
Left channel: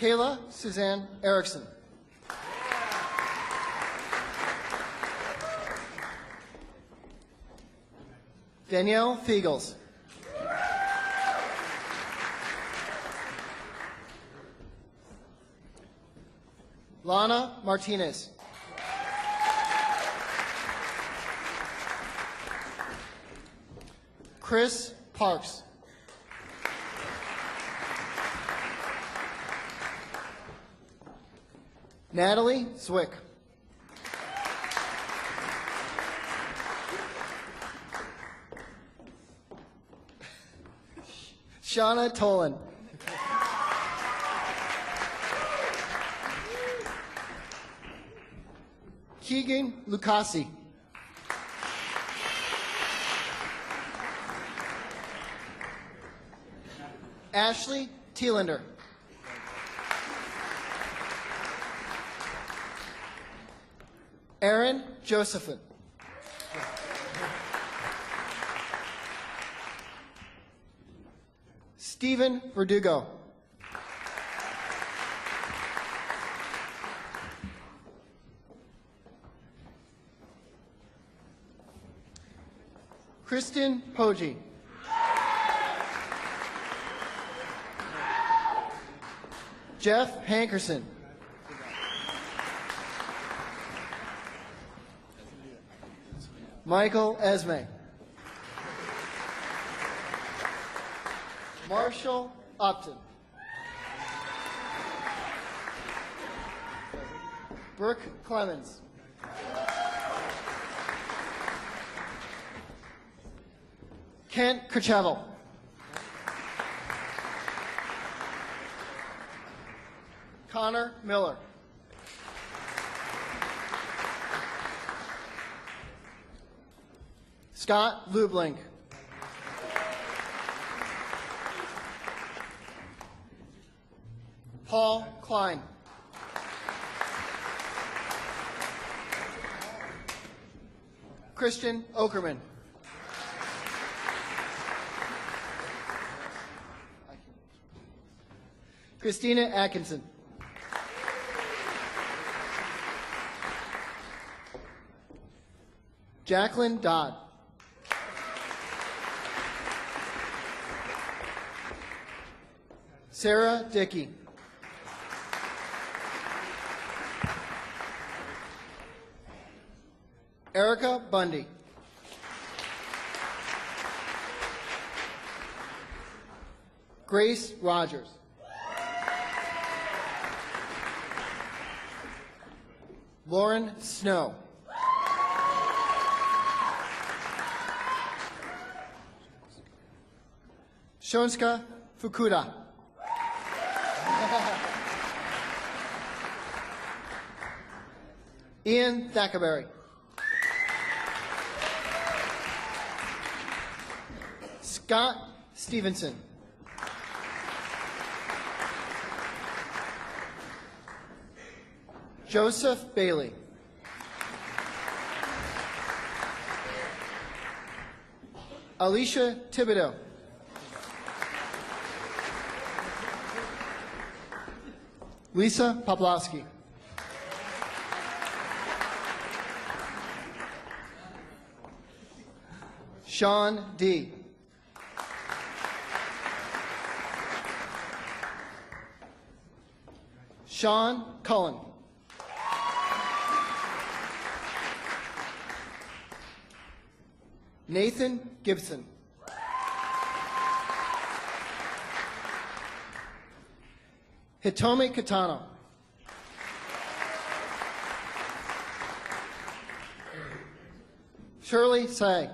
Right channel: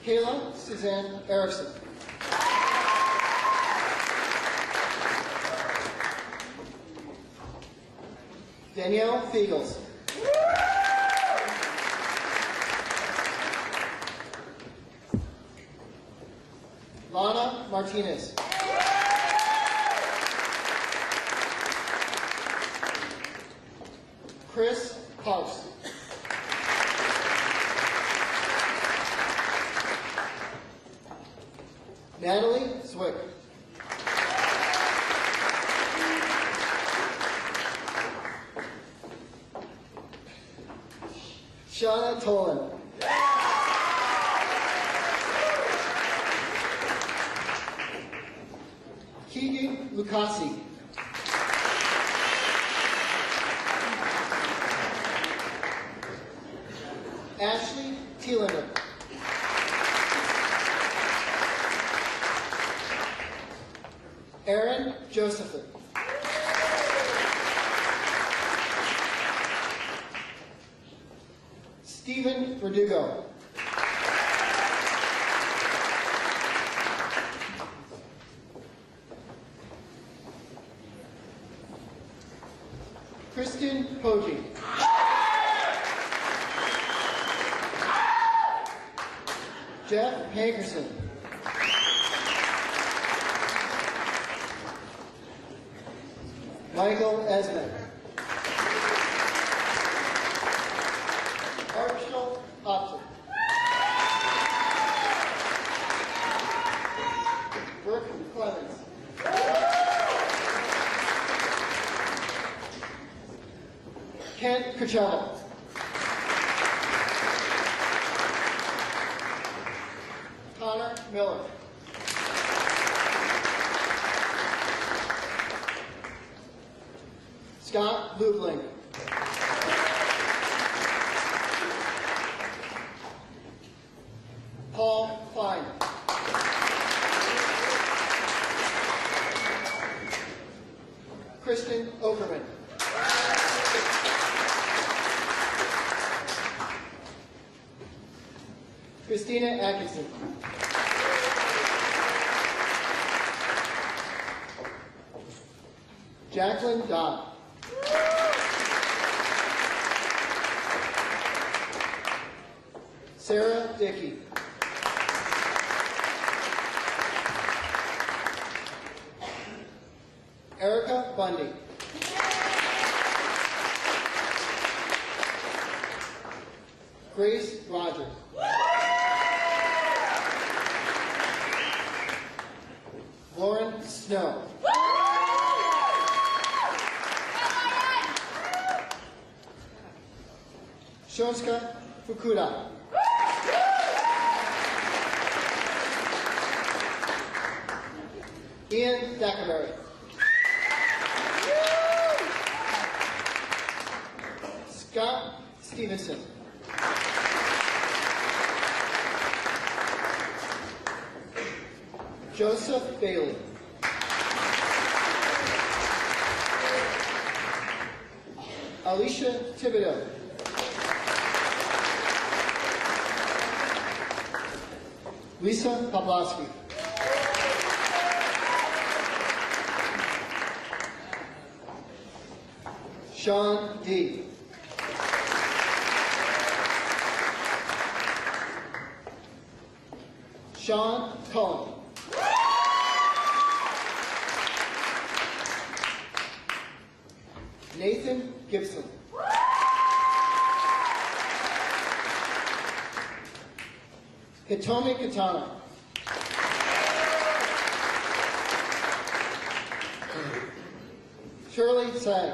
Kayla Suzanne Erickson. Danielle Fiegels. Lana Martinez. Chris Parks. Natalie Zwick. Shauna Tolan. Keegan Lucasi. Ashley Thielander. Aaron Josephin. Stephen Verdugo. Kristen Poggi. Jeff Hankerson. Michael Esme. Marshall Upton. Brooke Clemens. Kent Coachella. Connor Miller. Scott Lubling. Paul Klein. Christian Okerman. Christina Atkinson. Jacqueline Dodd. Sarah Dickey. Erica Bundy. Grace Rogers. Lauren Snow. Shonska Fukuda. Ian Thackerberry. Scott Stevenson. Joseph Bailey. Alicia Thibodeau. Lisa Poplowski. Sean D. Sean Cullen. Nathan Gibson. Hitomi Katana. Shirley Sag.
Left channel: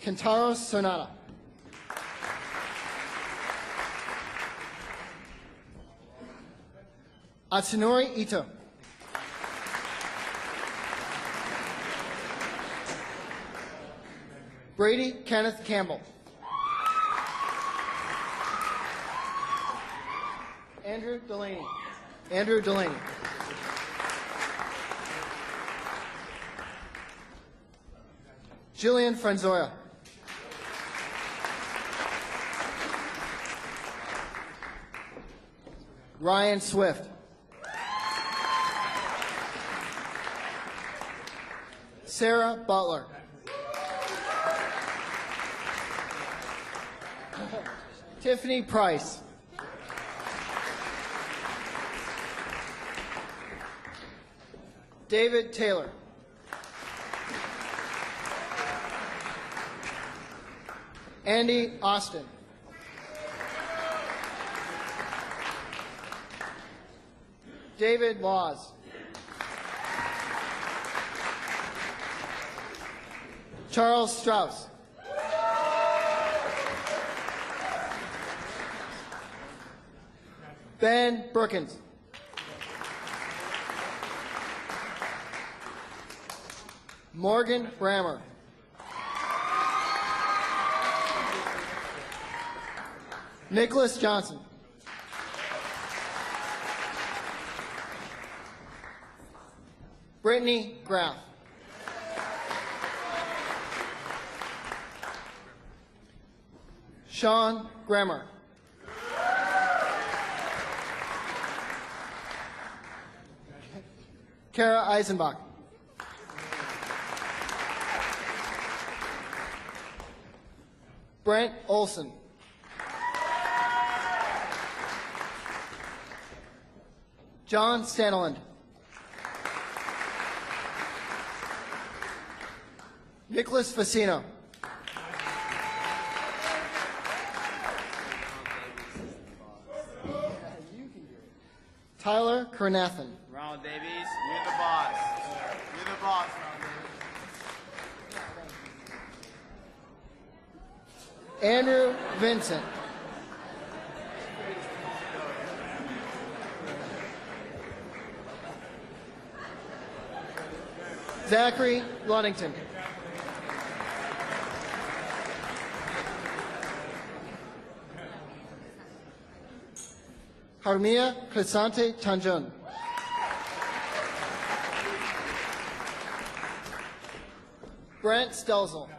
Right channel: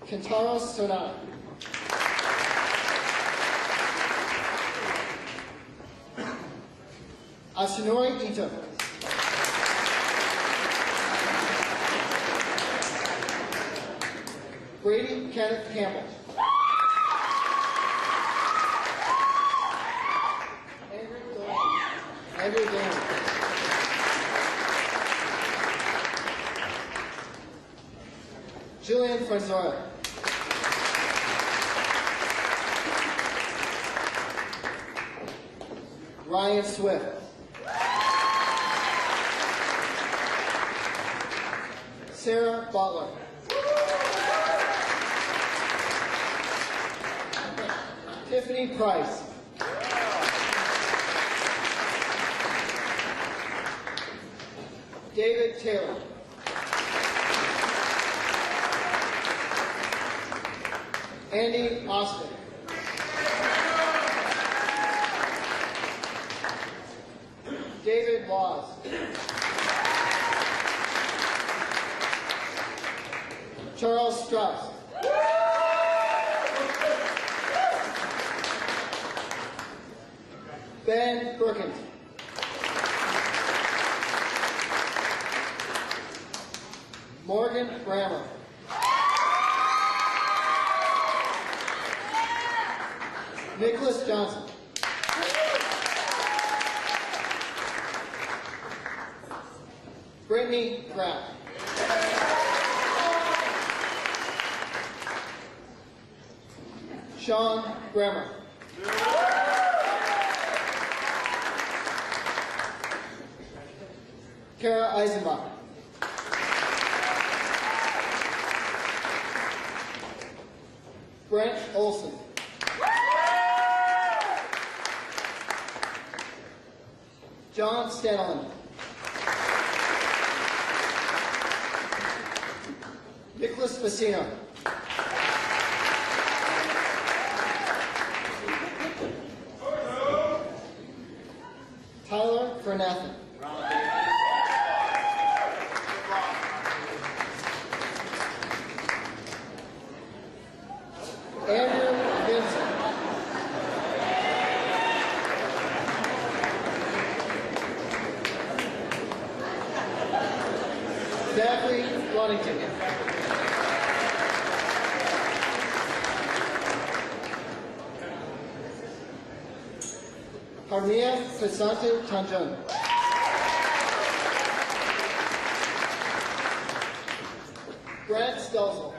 Kentaro Sonata. Atsunori Ito. Brady Kenneth Campbell. Andrew Delaney. Andrew Delaney. Jillian Franzoil. Ryan Swift. Sarah Butler. Tiffany Price. David Taylor. Austin. David Laws. Charles Strauss. Ben Brookins. Morgan Brammer. Nicholas Johnson. Brittany Graff. Sean Grammer. Kara Eisenbach. Brent Olson. John Stanlin. Nicholas Facino. Tyler Kernathan. Andrew Vincent. Zachary Lunnington. Harmia Crisante Tanjung. Brent Stelzel.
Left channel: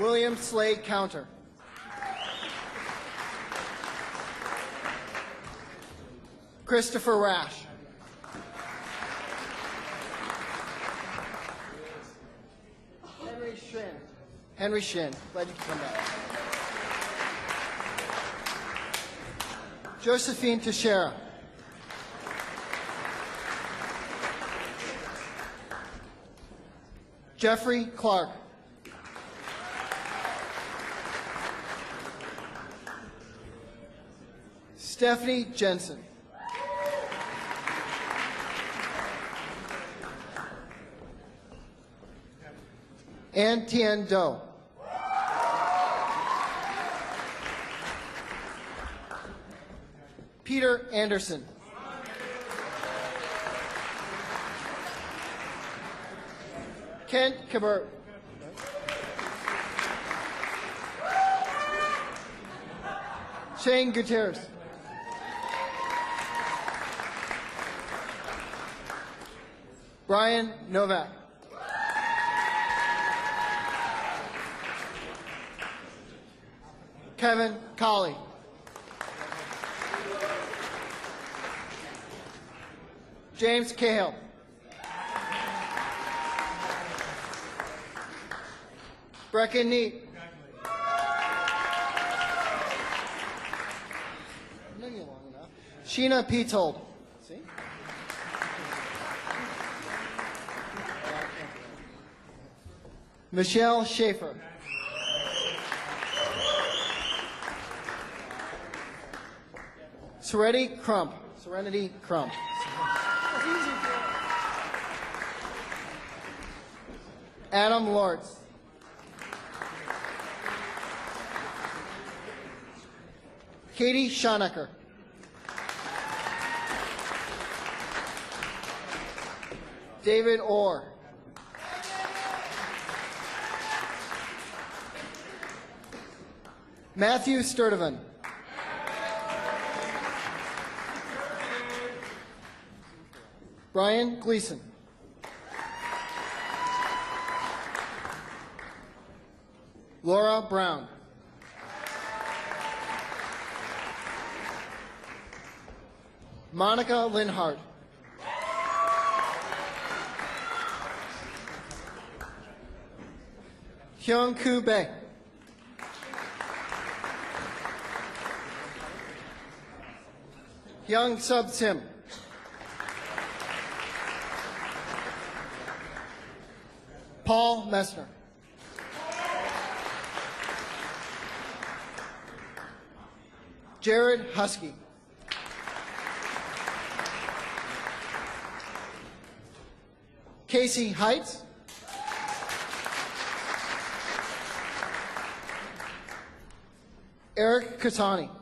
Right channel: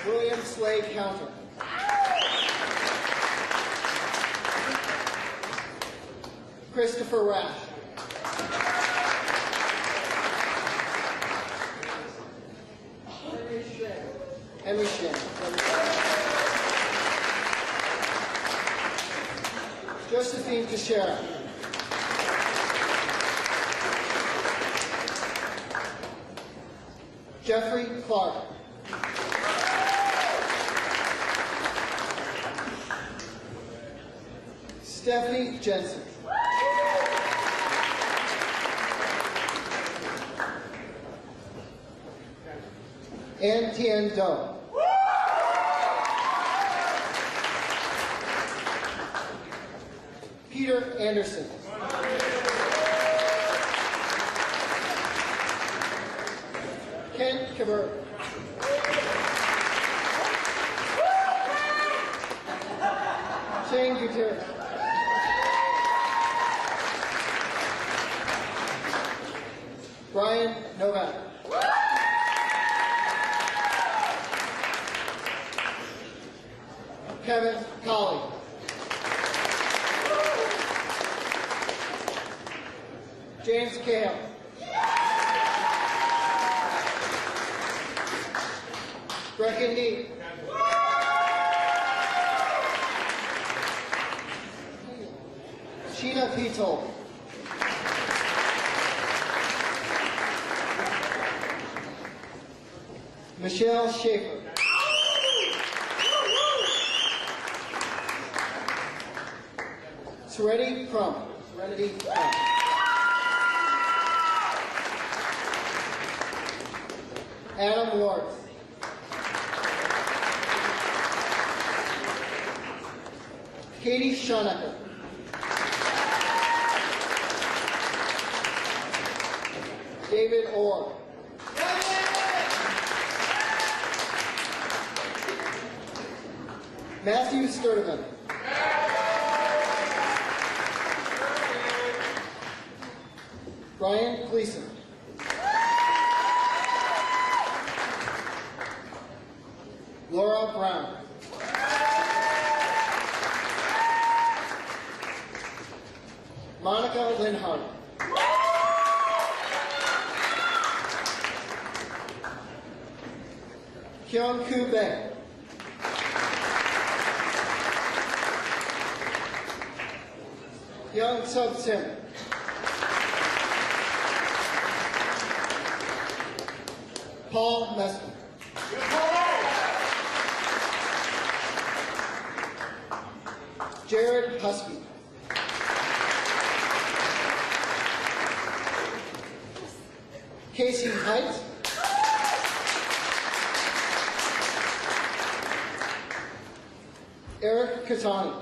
William Slade Counter. Christopher Rash. Henry Shin. Josephine Teixeira. Jeffrey Clark. Stephanie Jensen. Ann Tien Do. Peter Anderson. Ken Kabur. Shane Gutierrez. Brian Novak. Kevin Colley. James Cahill. Brecken Neat. Sheena Petol. Michelle Schaefer. Serenity Crump. Serenity Crump. Adam Lawrence. Katie Schonecker. David Orr. Matthew Sturdivant. Brian Gleason. Laura Brown. Monica Linhart. Hyung-Koo Bae. Young Sub Sim. Paul Messman. Jared Husky. Casey Heights. Eric Katani.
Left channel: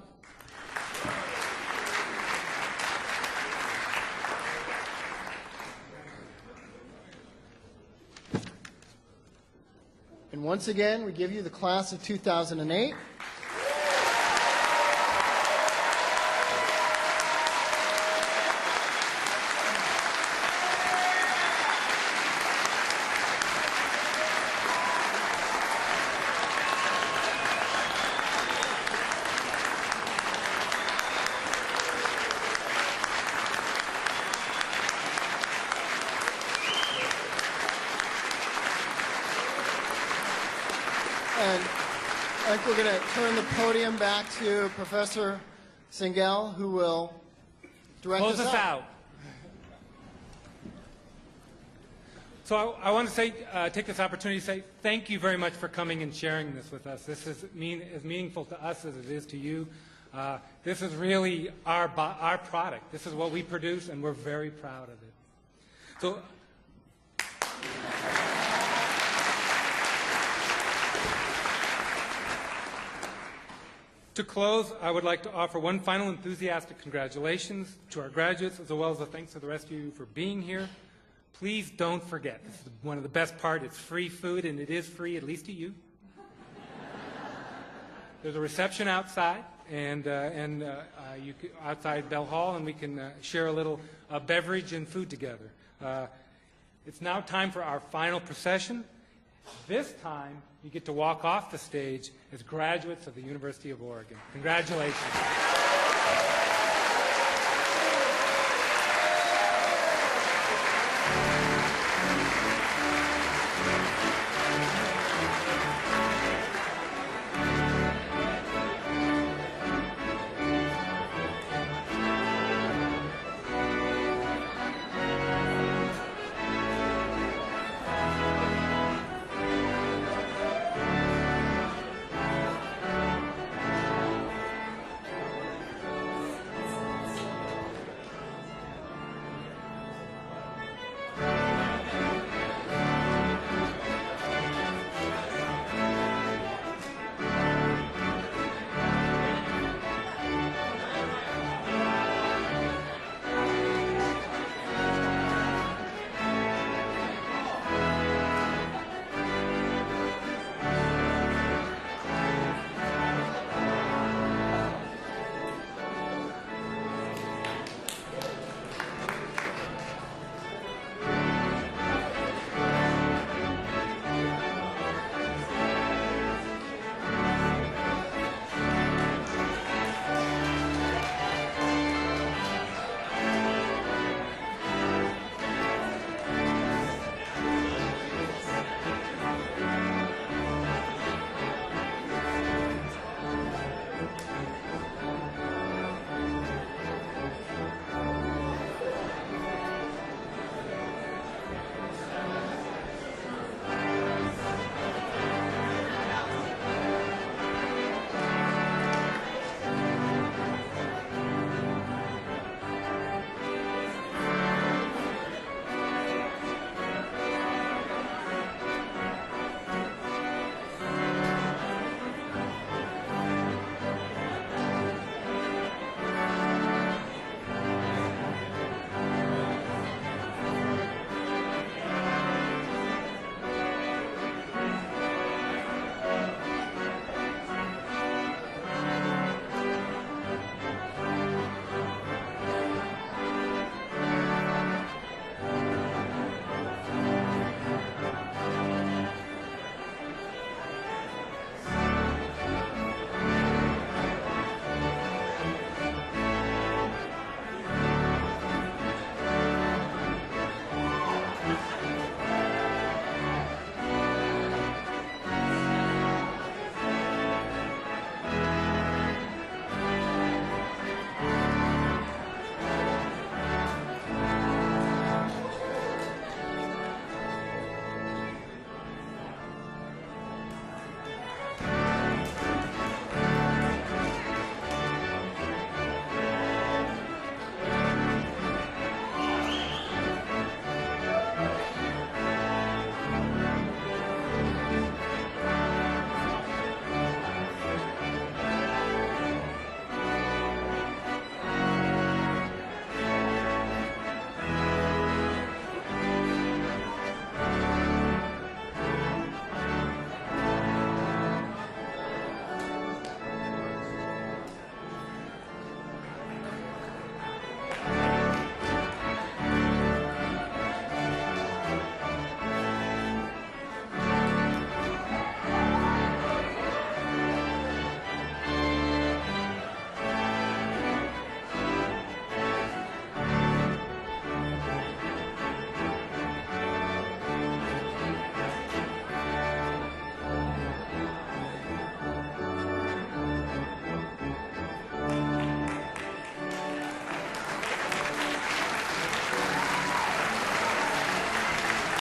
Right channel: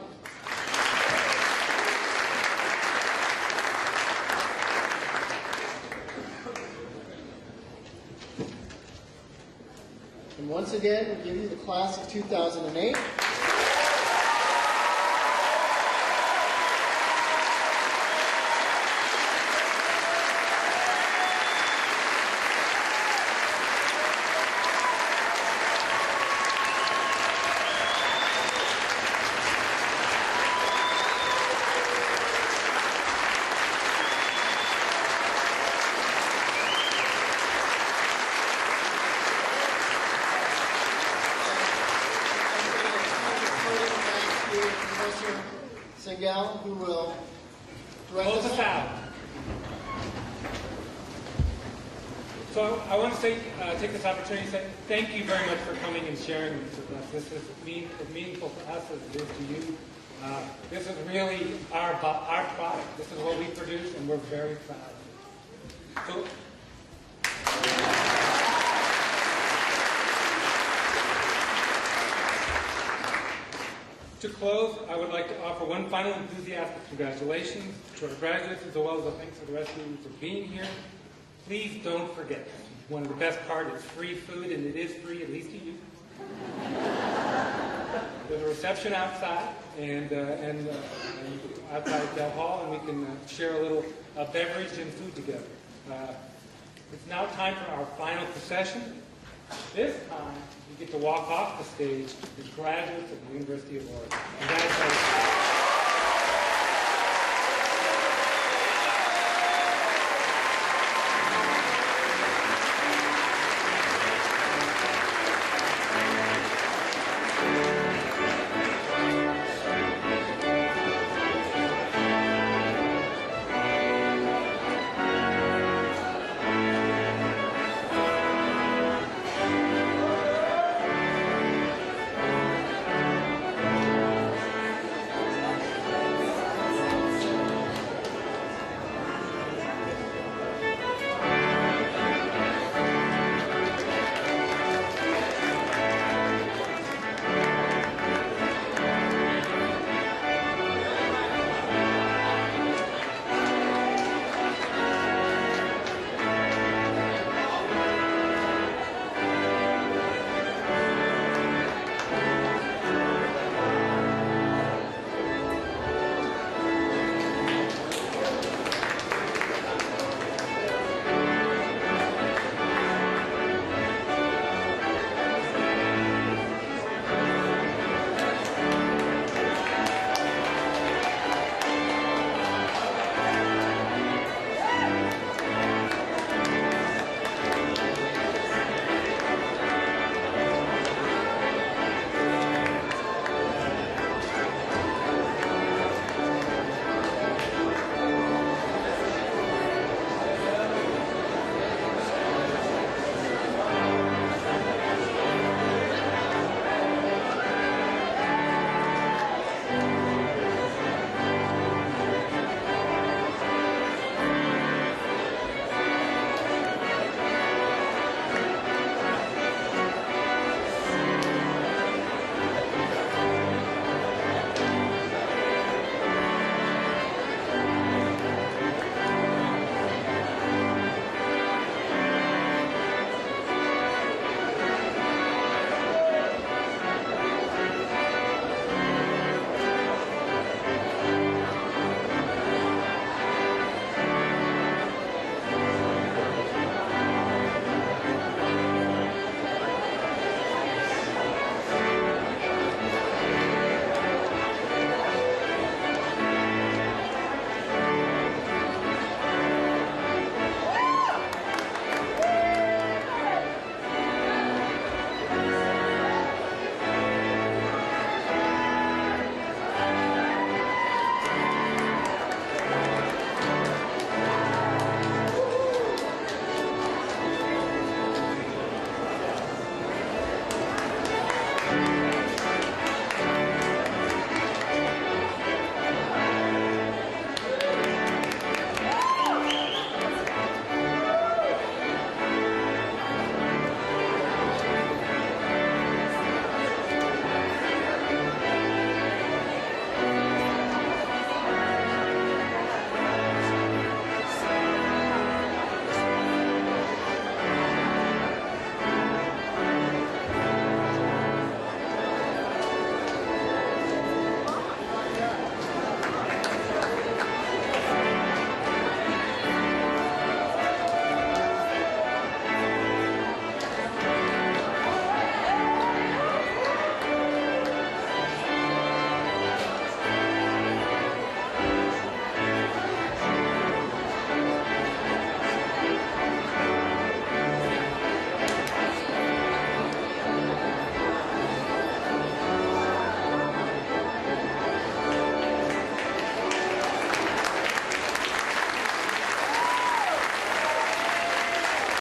And once again, we give you the class of 2008. We're going to turn the podium back to Professor Singel, who will direct us out. So I want to say, take this opportunity to say thank you very much for coming and sharing this with us. This is as meaningful to us as it is to you. This is really our product. This is what we produce, and we're very proud of it. So. To close, I would like to offer one final enthusiastic congratulations to our graduates, as well as a thanks to the rest of you for being here. Please don't forget, one of the best parts is free food, and it is free, at least to you. There's a reception outside, and outside of Bell Hall, and we can share a little beverage and food together. It's now time for our final procession. This time, you get to walk off the stage as graduates of the University of Oregon. Congratulations.